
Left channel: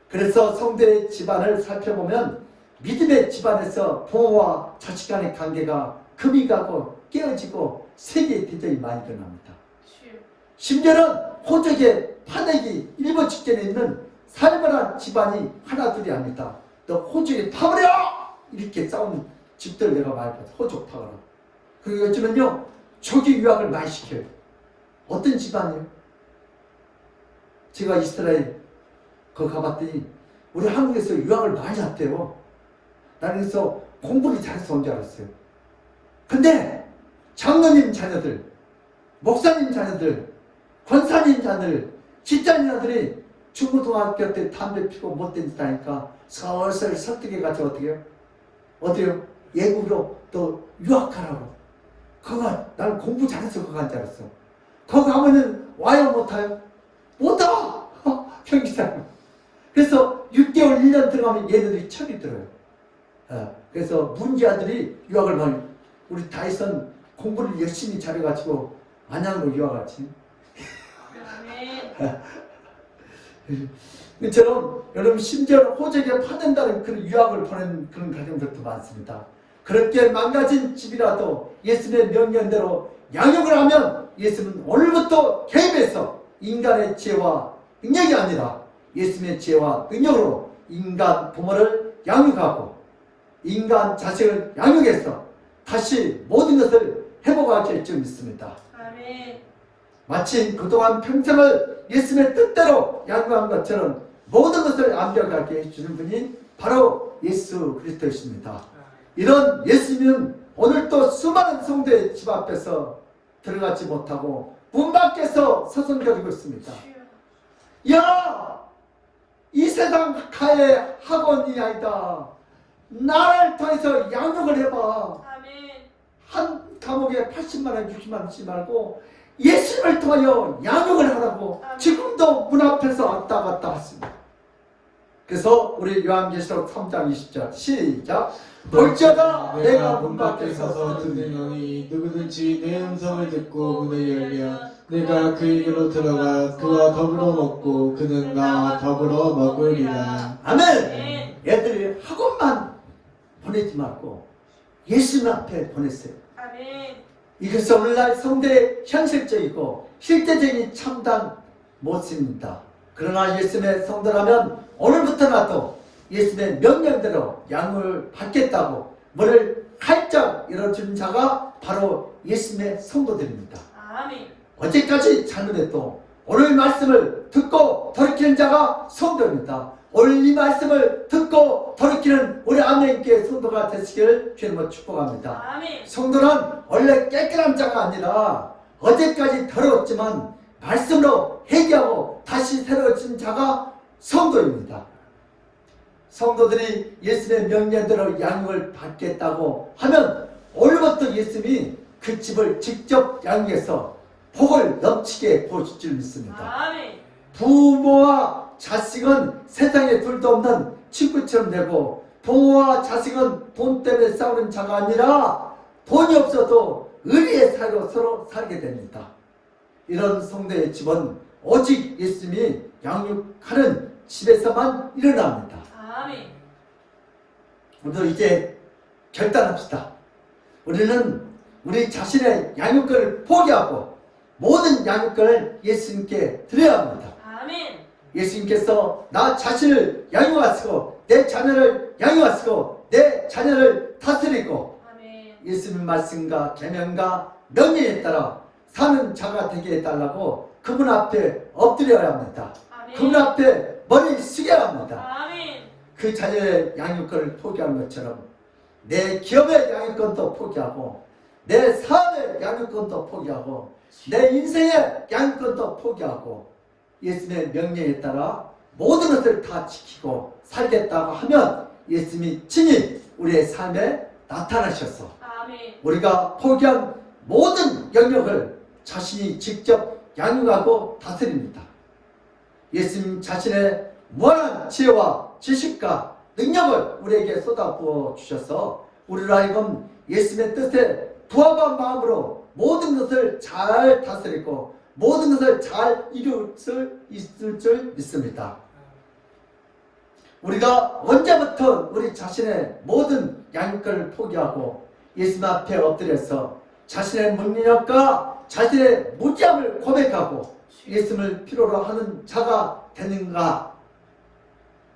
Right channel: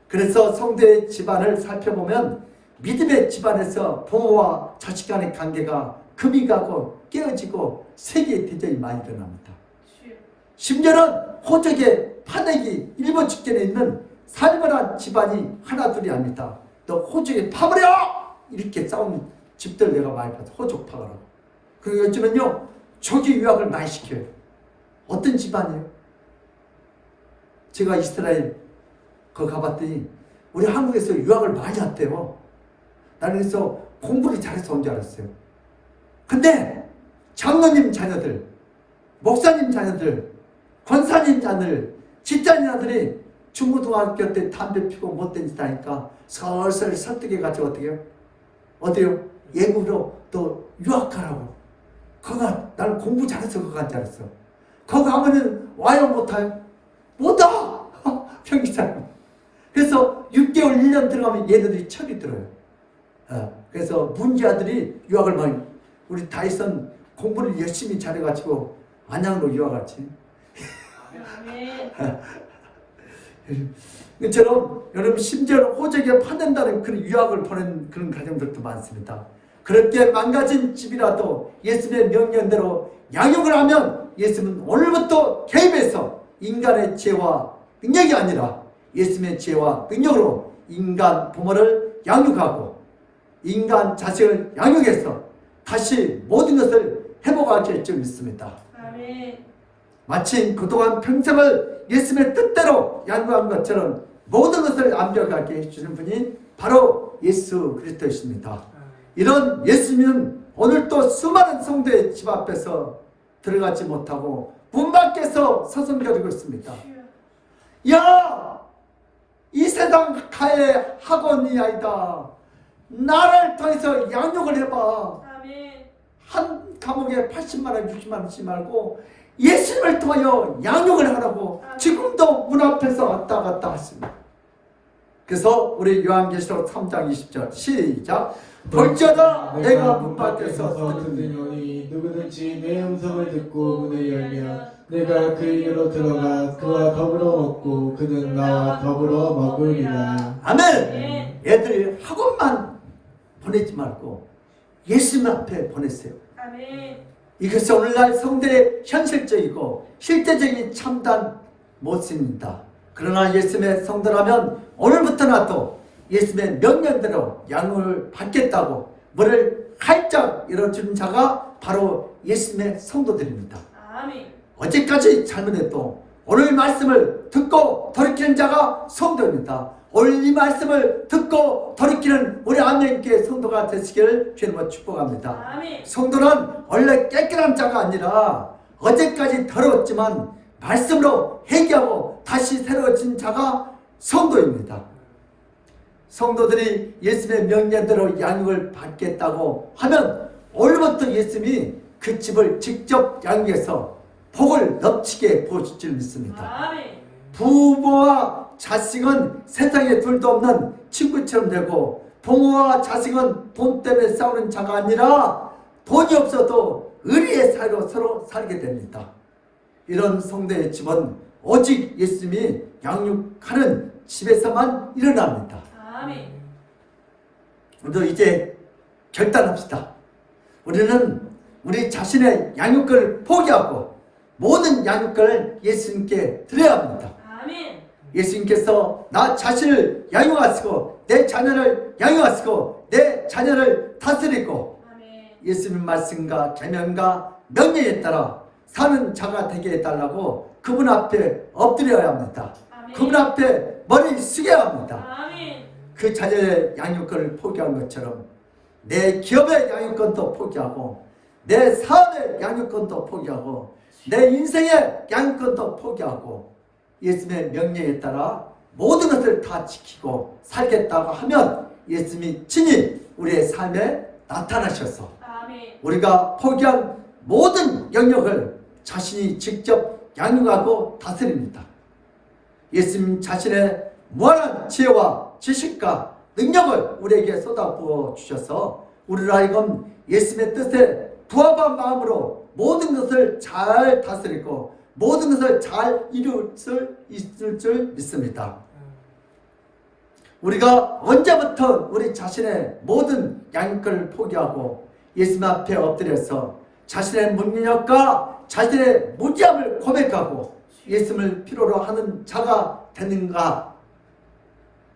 그래서 성도의 집안을 살펴보면 믿음의 집안에서 부모와 자식 간의 관계가 금이 가고 깨어지고 세계의 대전이 많이 일어납니다. 주여. 심지어는 호적의 파내기 일본 직전에 있는 살벌한 집안이 하나 둘이 아닙니다. 너 호적에 파버려! 이렇게 싸우는 집들 내가 많이 봤어. 호적 파거라. 그리고 요즘은요 조기 유학을 많이 시켜요. 어떤 집안이에요? 제가 이스라엘 거 가봤더니 우리 한국에서 유학을 많이 왔대요. 나는 그래서 공부를 잘해서 온 줄 알았어요. 근데 장로님 자녀들, 목사님 자녀들, 권사님 자녀들, 집사님 아들이 중고등학교 때 담배 피고 못된 짓 하니까 설설 설득해가지고 어떻게 해요? 어디요? 외국으로 또 유학하라고. 거가 나는 공부 잘해서 거기 간 줄 알았어. 거기 가면은 와요 못와요? 못 와! 평기사님. 그래서 6개월 1년 들어가면 얘네들이 철이 들어요. 그래서 문제아들이 유학을 많이 우리 다이슨 공부를 열심히 잘해가지고 안양으로 유학 갔지. 아멘. 이처럼 여러분 심지어 호적에 파낸다는 그런 유학을 보낸 그런 가정들도 많습니다. 그렇게 망가진 집이라도 예수님의 명령대로 양육을 하면 예수님은 오늘부터 개입해서 인간의 지혜와 능력이 아니라 예수님의 지혜와 능력으로 인간 부모를 양육하고 인간 자식을 양육해서 다시 모든 것을 회복하게 줄 믿습니다. 아멘. 마치 그동안 평생을 예수님의 뜻대로 양육한 것처럼 모든 것을 완벽하게 해주는 분이 바로 예수 그리스도이십니다. 이런 예수님은 오늘도 수많은 성도의 집 앞에서 들어가지 못하고 문 밖에서 서성거리고 있습니다. 야! 이 세상 가의 학원이 아니다. 나를 통해서 양육을 해봐. 아멘. 한 감옥에 80만 원, 60만 원 주지 말고 예수님을 통하여 양육을 하라고 지금도 문 앞에서 왔다 갔다 하십니다. 그래서 우리 요한계시록 3장 20절 시작. 볼지어다 내가 문 밖에 서서 들리노니 누구든지 내 음성을 듣고 문을 열면 내가 그에게로 들어가 그와 더불어 먹고 그는 나와 더불어 먹으리라. 아멘. 애들이 학원만 보내지 말고 예수님 앞에 보냈어요. 아멘. 이것은 오늘날 성도의 현실적이고 실제적인 참단 모습입니다. 그러나 예수님의 성도라면 오늘부터라도 예수님의 명령대로 양육을 받겠다고 문을 활짝 열어준 자가 바로 예수님의 성도들입니다. 아멘. 어제까지 잘못해도 오늘 말씀을 듣고 돌이키는 자가 성도입니다. 오늘 이 말씀을 듣고 돌이키는 우리 안명교회 성도가 되시기를 주님으로 축복합니다. 아멘. 성도는 원래 깨끗한 자가 아니라 어제까지 더러웠지만 말씀으로 회개하고 다시 새로워진 자가 성도입니다. 성도들이 예수님의 명령대로 양육을 받겠다고 하면 오늘부터 예수님이 그 집을 직접 양육해서 복을 넘치게 보실 줄 믿습니다. 아멘. 부모와 자식은 세상에 둘도 없는 친구처럼 되고 부모와 자식은 돈 때문에 싸우는 자가 아니라 돈이 없어도 의리의 사이로 서로 살게 됩니다. 이런 성도의 집은 오직 예수님이 양육하는 집에서만 일어납니다. 아멘. 우리도 이제 결단합시다. 우리는 우리 자신의 양육권을 포기하고 모든 양육권을 예수님께 드려야 합니다. 아멘. 예수님께서 나 자신을 양육하시고 내 자녀를 양육하시고 내 자녀를 다스리고 아멘. 예수님 말씀과 계명과 명령에 따라 사는 자가 되게 해달라고 그분 앞에 엎드려야 합니다. 아멘. 그분 앞에 머리를 숙여야 합니다. 아멘. 그 자녀의 양육권을 포기한 것처럼 내 기업의 양육권도 포기하고 내 사업의 양육권도 포기하고 내 인생의 양육권도 포기하고 예수님의 명령에 따라 모든 것을 다 지키고 살겠다고 하면 예수님이 친히 우리의 삶에 나타나셔서 아멘. 우리가 포기한 모든 영역을 자신이 직접 양육하고 다스립니다. 예수님 자신의 무한한 지혜와 지식과 능력을 우리에게 쏟아부어 주셔서 우리를 하여금 예수님의 뜻에 부합한 마음으로 모든 것을 잘 다스리고 모든 것을 잘 이룰 수 있을 줄 믿습니다. 우리가 언제부터 우리 자신의 모든 양육권을 포기하고 예수님 앞에 엎드려서 자신의 능력과 자신의 무지함을 고백하고 예수님을 필요로 하는 자가 되는가?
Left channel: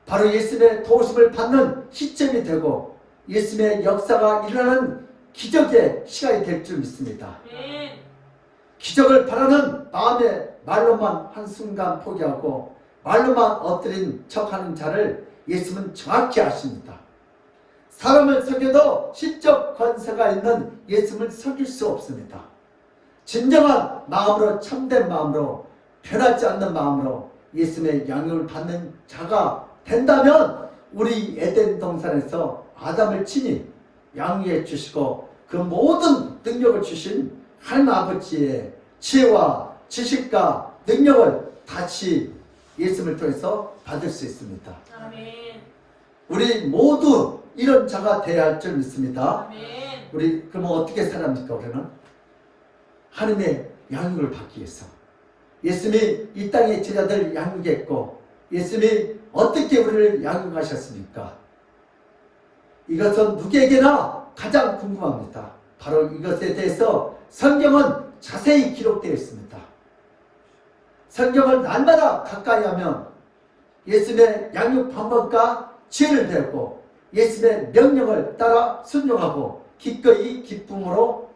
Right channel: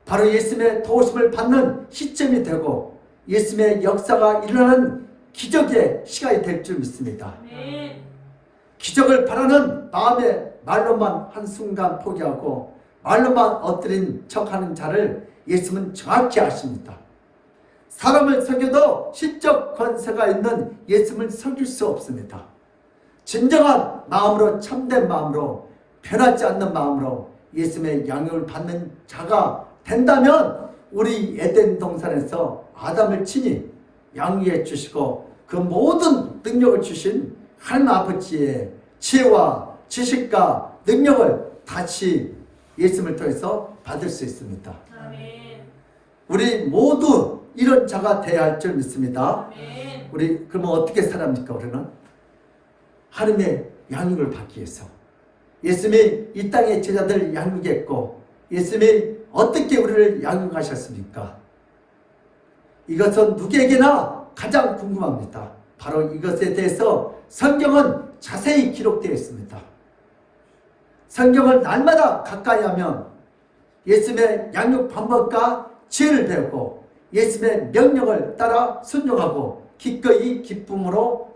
바로 예수님의 도우심을 받는 시점이 되고 예수님의 역사가 일어나는 기적의 시간이 될 줄 믿습니다. 아멘. 기적을 바라는 마음에 말로만 한순간 포기하고 말로만 엎드린 척하는 자를 예수님은 정확히 아십니다. 사람을 속여도 시적 권세가 있는 예수님을 속일 수 없습니다. 진정한 마음으로 참된 마음으로 변하지 않는 마음으로 예수님의 양육을 받는 자가 된다면 우리 에덴 동산에서 아담을 친히 양육해 주시고 그 모든 능력을 주신 하나님 아버지의 지혜와 지식과 능력을 다시 예수님을 통해서 받을 수 있습니다. 아멘. 우리 모두 이런 자가 되어야 할 줄 믿습니다. 아멘. 우리 그러면 어떻게 살합니까? 우리는 하나님의 양육을 받기 위해서 예수님이 이 땅의 제자들 양육했고 예수님이 어떻게 우리를 양육하셨습니까? 이것은 누구에게나 가장 궁금합니다. 바로 이것에 대해서 성경은 자세히 기록되어 있습니다. 성경을 날마다 가까이 하면 예수님의 양육 방법과 지혜를 배우고 예수님의 명령을 따라 순종하고 기꺼이 기쁨으로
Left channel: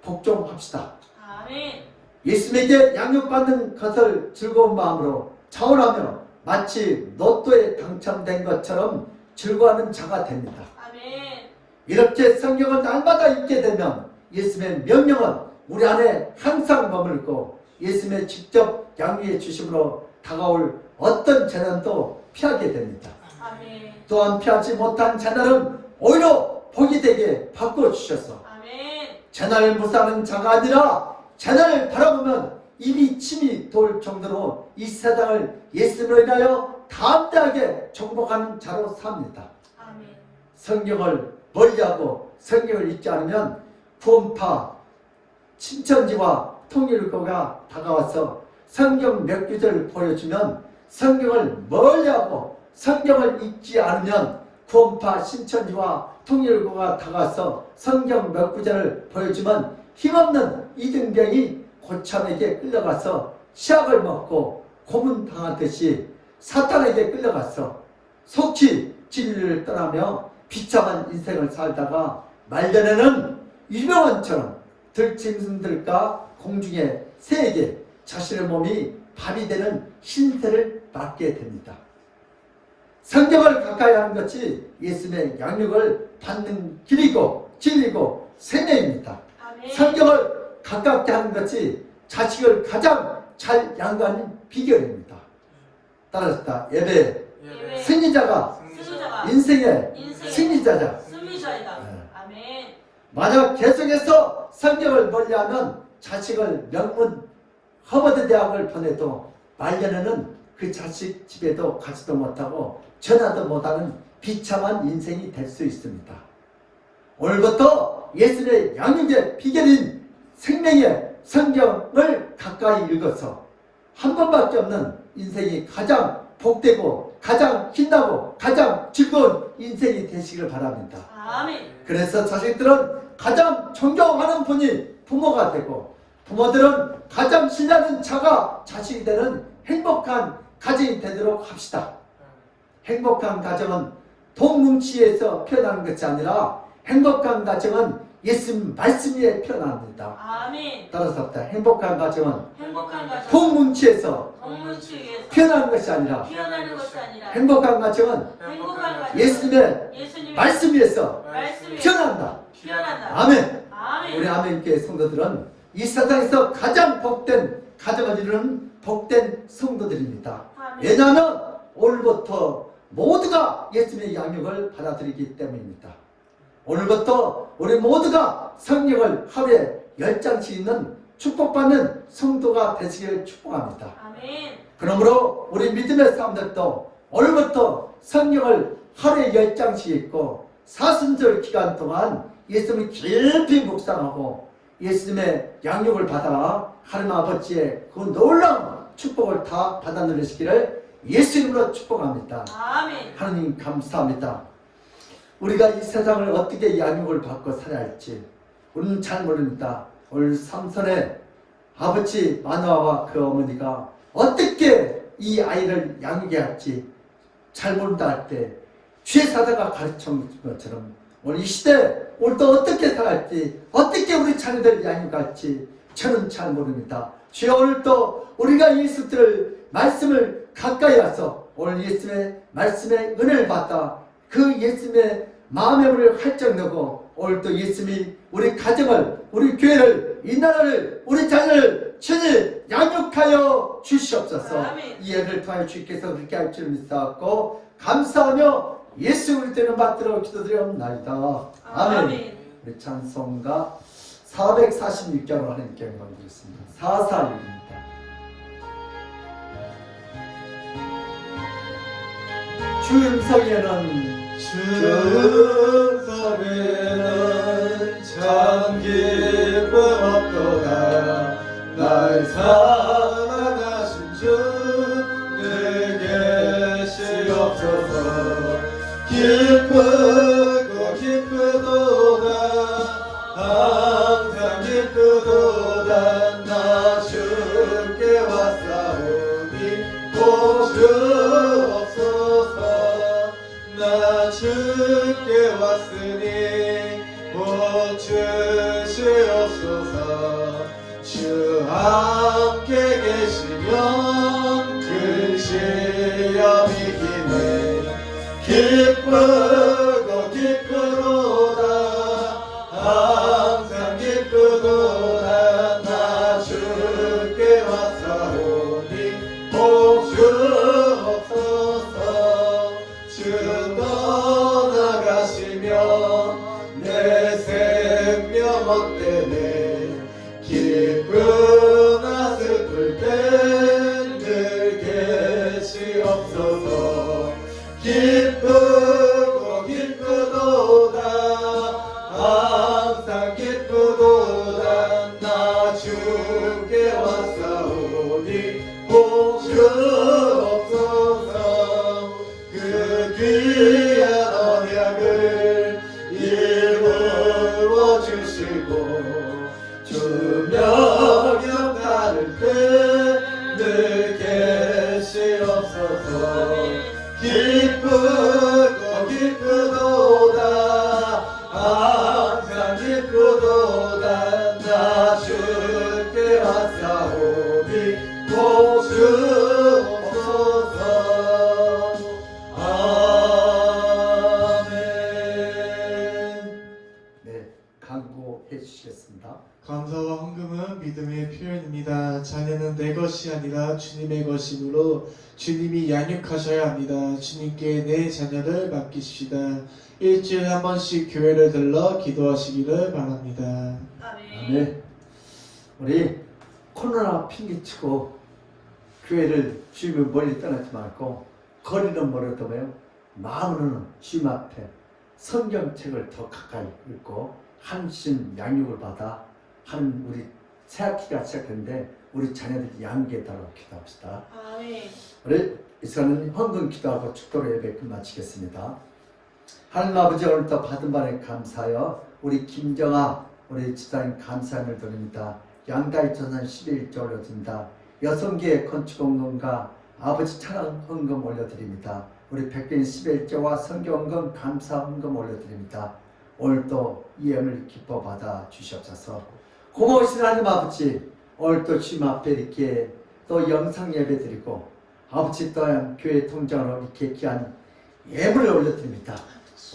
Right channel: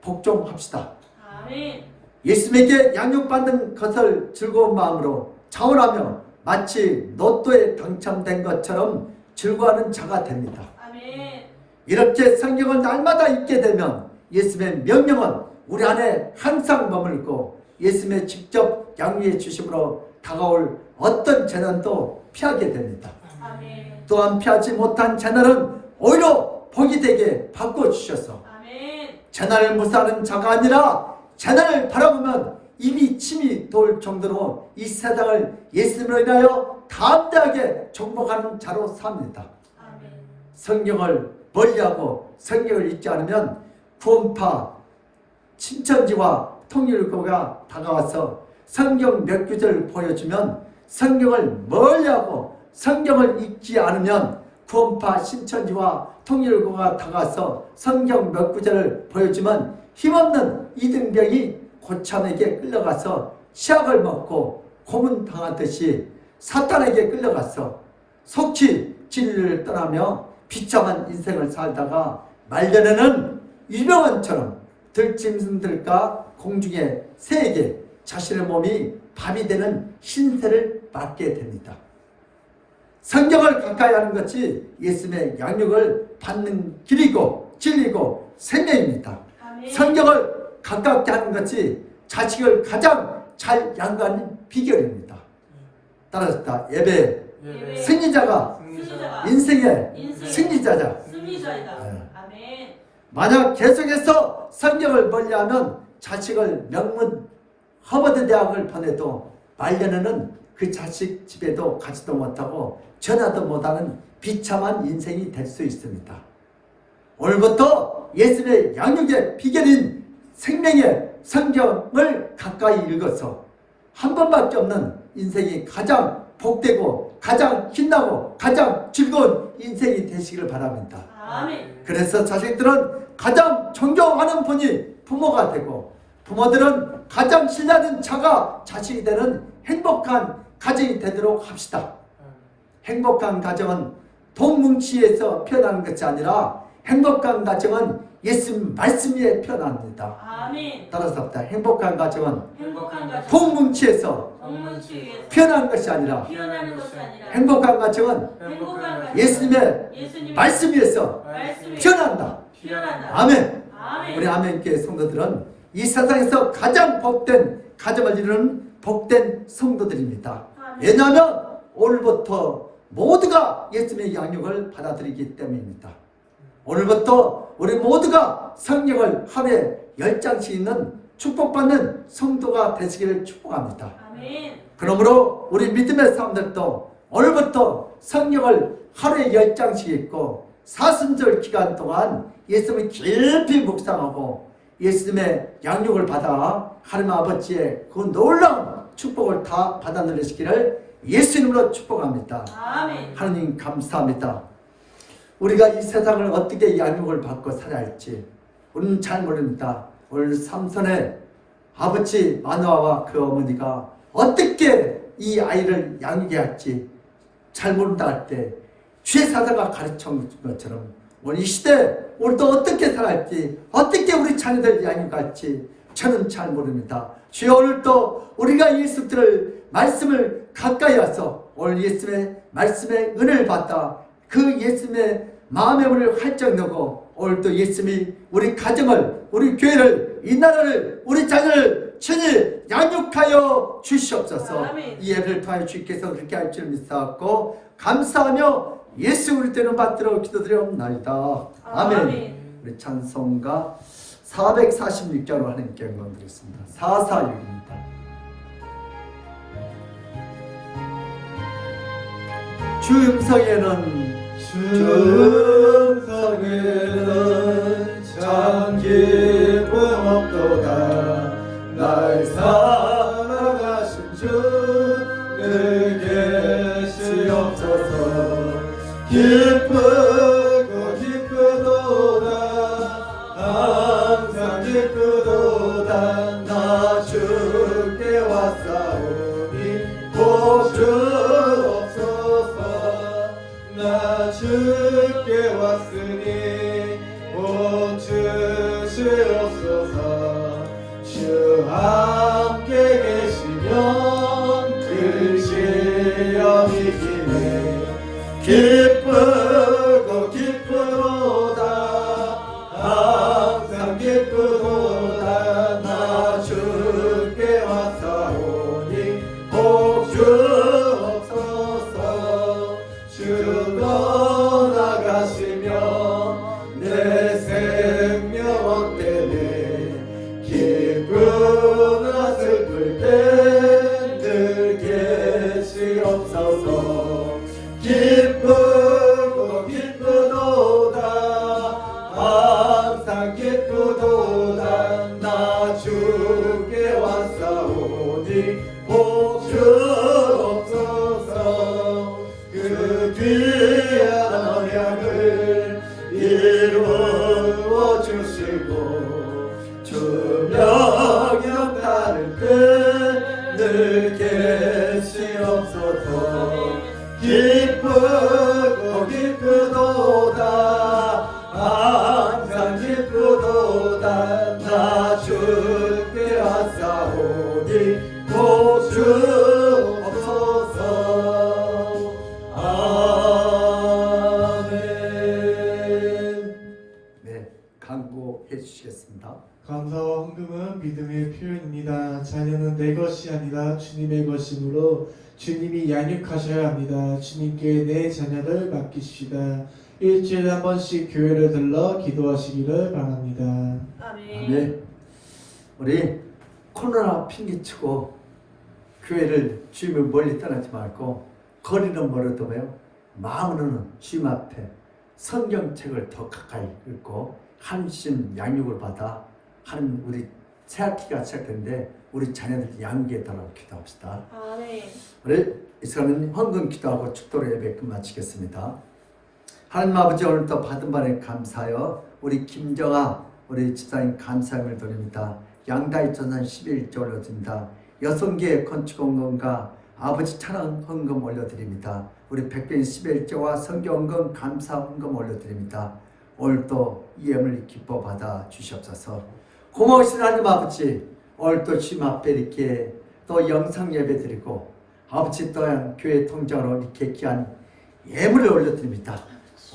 복종합시다. 아멘. 예수님에게 양육받는 것을 즐거운 마음으로 자원하며 마치 로또에 당첨된 것처럼 즐거워하는 자가 됩니다. 아멘. 이렇게 성경을 날마다 읽게 되면 예수님의 명령은 우리 안에 항상 머물고 예수님의 직접 양육해 주심으로 다가올 어떤 재난도 피하게 됩니다. 아멘. 또한 피하지 못한 재난은 오히려 복이 되게 바꿔주셔서 아멘. 재난을 무사하는 자가 아니라 재난을 바라보면 입이 침이 돌 정도로 이 세상을 예수님으로 인하여 담대하게 정복하는 자로 삽니다. 아멘. 성경을 멀리하고 성경을 읽지 않으면 구원파 신천지와 통일교가 다가와서 성경 몇 구절을 보여주면 성경을 멀리하고 성경을 읽지 않으면 구원파 신천지와 통일교가 다가와서 성경 몇 구절을 보여주면 힘없는 이등병이 고참에게 끌려가서 치약을 먹고 고문당하듯이 사탄에게 끌려가서 속히 진리를 떠나며 비참한 인생을 살다가 말년에는 유병원처럼 들짐승들과 공중의 새에게 자신의 몸이 밥이 되는 신세를 맞게 됩니다. 성경을 가까이 하는 것이 예수님의 양육을 받는 길이고 진리고 생명입니다. 아멘. 성경을 가깝게 하는 것이 자식을 가장 잘 양육하는 비결입니다. 따라서 예배 예배. 승리자가 승리자가 인생의 인생의 승리자자. 승리자이다. 네. 아멘. 만약 계속해서 성경을 멀리하면 자식을 명문 하버드 대학을 보내도 말년에는 그 자식 집에도 가지도 못하고 전화도 못하는 비참한 인생이 될 수 있습니다. 오늘부터 예수님의 양육의 비결인 생명의 성경을 가까이 읽어서 한 번밖에 없는 인생이 가장 복되고 가장 빛나고 가장 즐거운 인생이 되시기를 바랍니다. 아멘. 그래서 자식들은 가장 존경하는 분이 부모가 되고 부모들은 가장 신뢰하는 자가 자식이 되는 행복한 가정이 되도록 합시다. 행복한 가정은 동뭉치에서 피어나는 것이 아니라 행복한 가정은 예수님 말씀 위에 피어납니다. 아멘. 따라서 합니다. 행복한 가정은 행복한 가정 동뭉치에서 동문치 위에서 피어나는 것이 아니라 피어나는 것이 아니라 행복한 가정은 행복한 가정 예수님의 예수님의 말씀 위에서 말씀이 피어난다. 피어난다. 아멘. 아멘. 우리 아멘교회 성도들은 이 세상에서 가장 복된 가정을 이루는 복된 성도들입니다. 아멘. 왜냐하면 오늘부터 모두가 예수님의 양육을 받아들이기 때문입니다. 오늘부터 우리 모두가 성경을 하루에 10장씩 읽는 축복받는 성도가 되시기를 축복합니다. 아멘. 그러므로 우리 믿음의 사람들도 오늘부터 성경을 하루에 10장씩 읽고 사순절 기간 동안 예수님을 깊이 묵상하고 예수님의 양육을 받아 하나님 아버지의 그 놀라운 축복을 다 받아 누리시기를 예수님으로 축복합니다. 아멘. 하나님 감사합니다. 우리가 이 세상을 어떻게 양육을 받고 살아야 할지 우리는 잘 모릅니다. 오늘 삼손의 아버지 마누아와 그 어머니가 어떻게 이 아이를 양육해야 할지 잘 모른다 할 때 주의 사자가 가르쳐 준 것처럼 오늘 이 시대 오늘 또 어떻게 살아갈지 어떻게 우리 자녀들 양육할지 저는 잘 모릅니다. 주여 오늘 또 우리가 예수님의 말씀을 가까이 와서 오늘 예수님의 말씀의 은혜를 받다 그 예수님의 마음의 문을 활짝 열고 오늘 또 예수님이 우리 가정을 우리 교회를 이 나라를 우리 자녀를 친히 양육하여 주시옵소서. 아멘. 이 예배를 통하여 주께서 그렇게 할 줄 믿사옵고 감사하며 예수 그리스도를 받들어 기도드리옵나이다. 아멘. 아멘. 우리 찬송가 446자로 하나님께 영광 드리겠습니다. 446입니다. 주 음성에는 주음성에는 참 기쁨 없도다. 날 사랑하신 주는 계시옵소서. 기쁘고 기쁘도다. 항상 기쁘도다. 나 주께 왔사오니 보주옵소서. 나 주께 왔으니 복 주시옵소서. 주 함께 계시면 큰 시험이 기네. 기쁘고 기쁘도다. 항상 기쁘도다. 나 주께 왔으니 기쁘고 기쁘도다 항상 기쁘도다 나 주께 왔사오니 복 주옵소서 아멘. 네, 강구해 주시겠습니다. 감사와 헌금은 믿음의 표현입니다. 자녀는 내 것이 아니라 주님의 것이므로 주님이 양육하셔야 합니다. 주님께 내 자녀를 맡기십시다. 일주일에 한 번씩 교회를 들러 기도하시기를 바랍니다. 아멘. 네, 우리 코로나 핑계치고 교회를 주님을 멀리 떠나지 말고 거리는 멀어도요 마음으로는 주님 앞에 성경책을 더 가까이 읽고 한심 양육을 받아 하는 우리 새학기가 시작했는데 우리 자녀들 양육해달라고 기도합시다. 아멘. 우리 이 시간은 헌금 기도하고 축도로 예배 끝마치겠습니다. 하나님 아버지 오늘도 받은 바에 감사하여 우리 김정아 우리 집사님 감사함을 드립니다. 양다이 전산 11조 올려드립니다. 6개의 건축헌금과 아버지 찬양 헌금 올려드립니다. 우리 백병 11조와 성경헌금 감사헌금 올려드립니다. 오늘도 이 예물을 기뻐 받아 주시옵소서. 고마우신 하나님 아버지 오늘도 주님 앞에 이렇게 또 영상 예배 드리고 아버지 또한 교회 통장으로 이렇게 귀한 예물을 올려드립니다.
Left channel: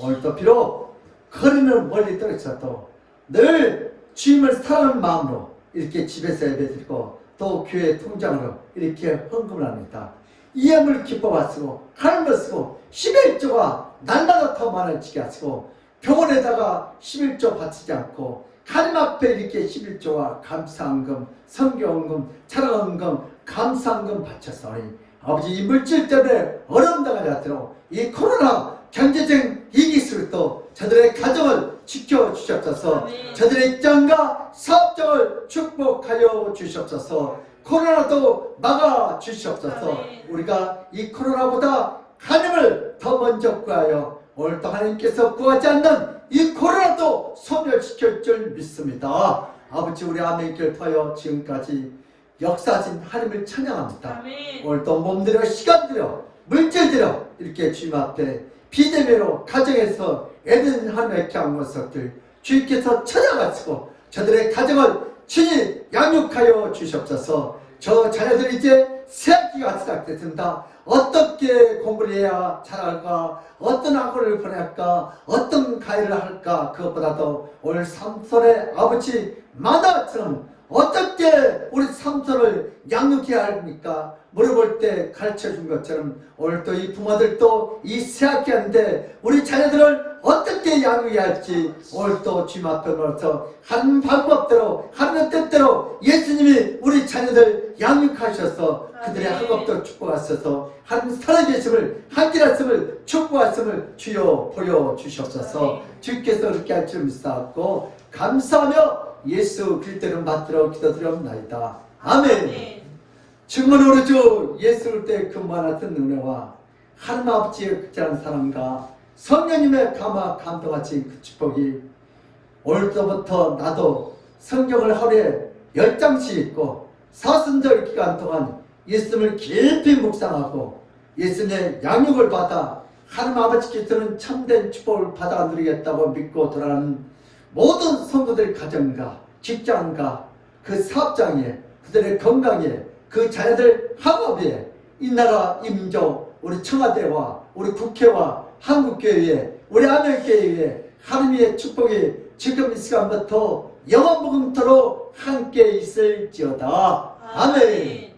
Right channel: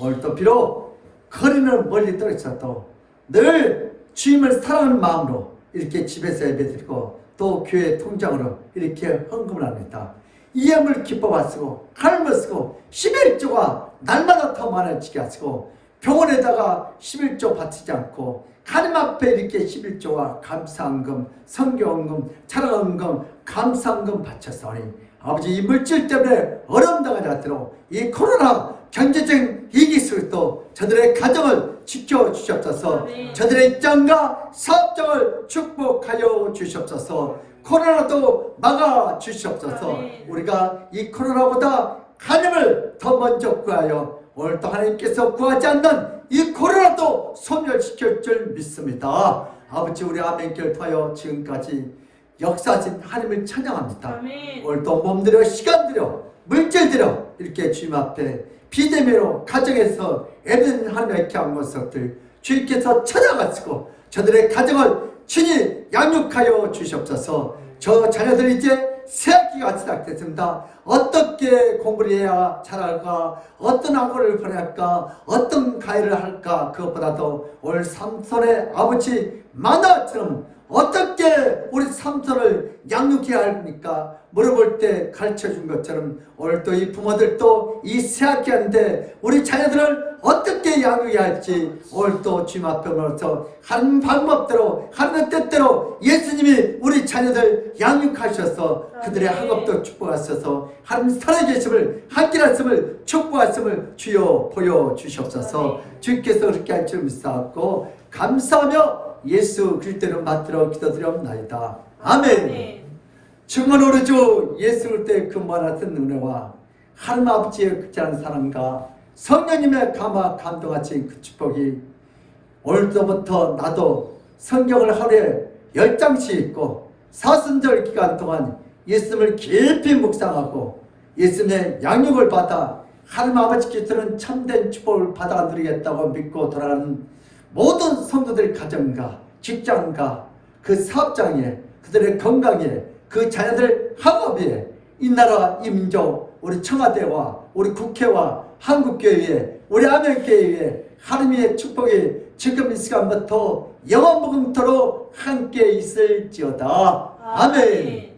오늘도 비록 거리는 멀리 떨어져도 늘 주님을 사랑하는 마음으로 이렇게 집에서 예배드리고 또 교회 통장으로 이렇게 헌금을 합니다. 이 예물 기뻐 받으시고 하나님을 쓰고 11조가 날마다 더 많아지게 하시고 병원에다가 11조 바치지 않고 하나님 앞에 이렇게 11조와 감사헌금, 성경헌금, 찬양헌금, 감사헌금 바쳤사오니 아버지 이 물질 때문에 어려움 당하지 않도록 이 코로나 경제적 위기 속에도 저들의 가정을 지켜주시옵소서. 저들의 입장과 사업장을 축복하여 주시옵소서. 코로나도 막아주시옵소서. 우리가 이 코로나보다 하나님을 더 먼저 구하여 오늘도 하나님께서 구하지 않는 이 코로나도 소멸시킬 줄 믿습니다. 아버지 우리 아멘길 터여 지금까지 역사하신 하나님을 찬양합니다. 아멘. 오늘도 몸들여 시간들여 물질들여 이렇게 주님 앞에 비대면으로 가정에서 애들 하나님의 귀한 것들 주님께서 찾아가시고 저들의 가정을 친히 양육하여 주시옵소서. 저 자녀들이 이제 새학기가 시작됐습니다. 어떻게 공부를 해야 잘할까, 어떤 학원을 보낼까, 어떤 과외를 할까, 그것보다도 오늘 삼손의 아버지 마나처럼 어떻게 우리 삼손을 양육해야 합니까? 물어볼 때 가르쳐준 것처럼 오늘도 이 부모들도 이 새학기인데 우리 자녀들을 어떻게 양육해야 할지 오늘도 주님 앞에 놓아서 하는 방법대로 하는 뜻대로 예수님이 우리 자녀들 양육하셔서 그들의 학업도 축복하셔서 하나님 살아계심을 함께하심을 축복하심을 주여 보여주시옵소서. 주께서 그렇게 할 줄 믿사옵고 감사하며 예수 그리스도를 받들어 기도드리옵나이다. 아멘. 정말 우리 주 예수 그리스도의 그 무한하신 은혜와 하나님 아버지의 극진한 사랑과 성령님의 감화 감동하신 그 축복이 오늘부터 나도 성경을 하루에 10장씩 읽고 사순절 기간 동안 예수님을 깊이 묵상하고 예수님의 양육을 받아 하나님 아버지께서는 참된 축복을 받아 누리겠다고 믿고 돌아가는 모든 성도들의 가정과 직장과 그 사업장에 그들의 건강에 그 자녀들 학업에 이 나라 이 민족 우리 청와대와 우리 국회와 한국교회에 우리 아멘교회에 하나님의 축복이 지금 이 시간부터 영원무궁토록 함께 있을지어다. 아멘.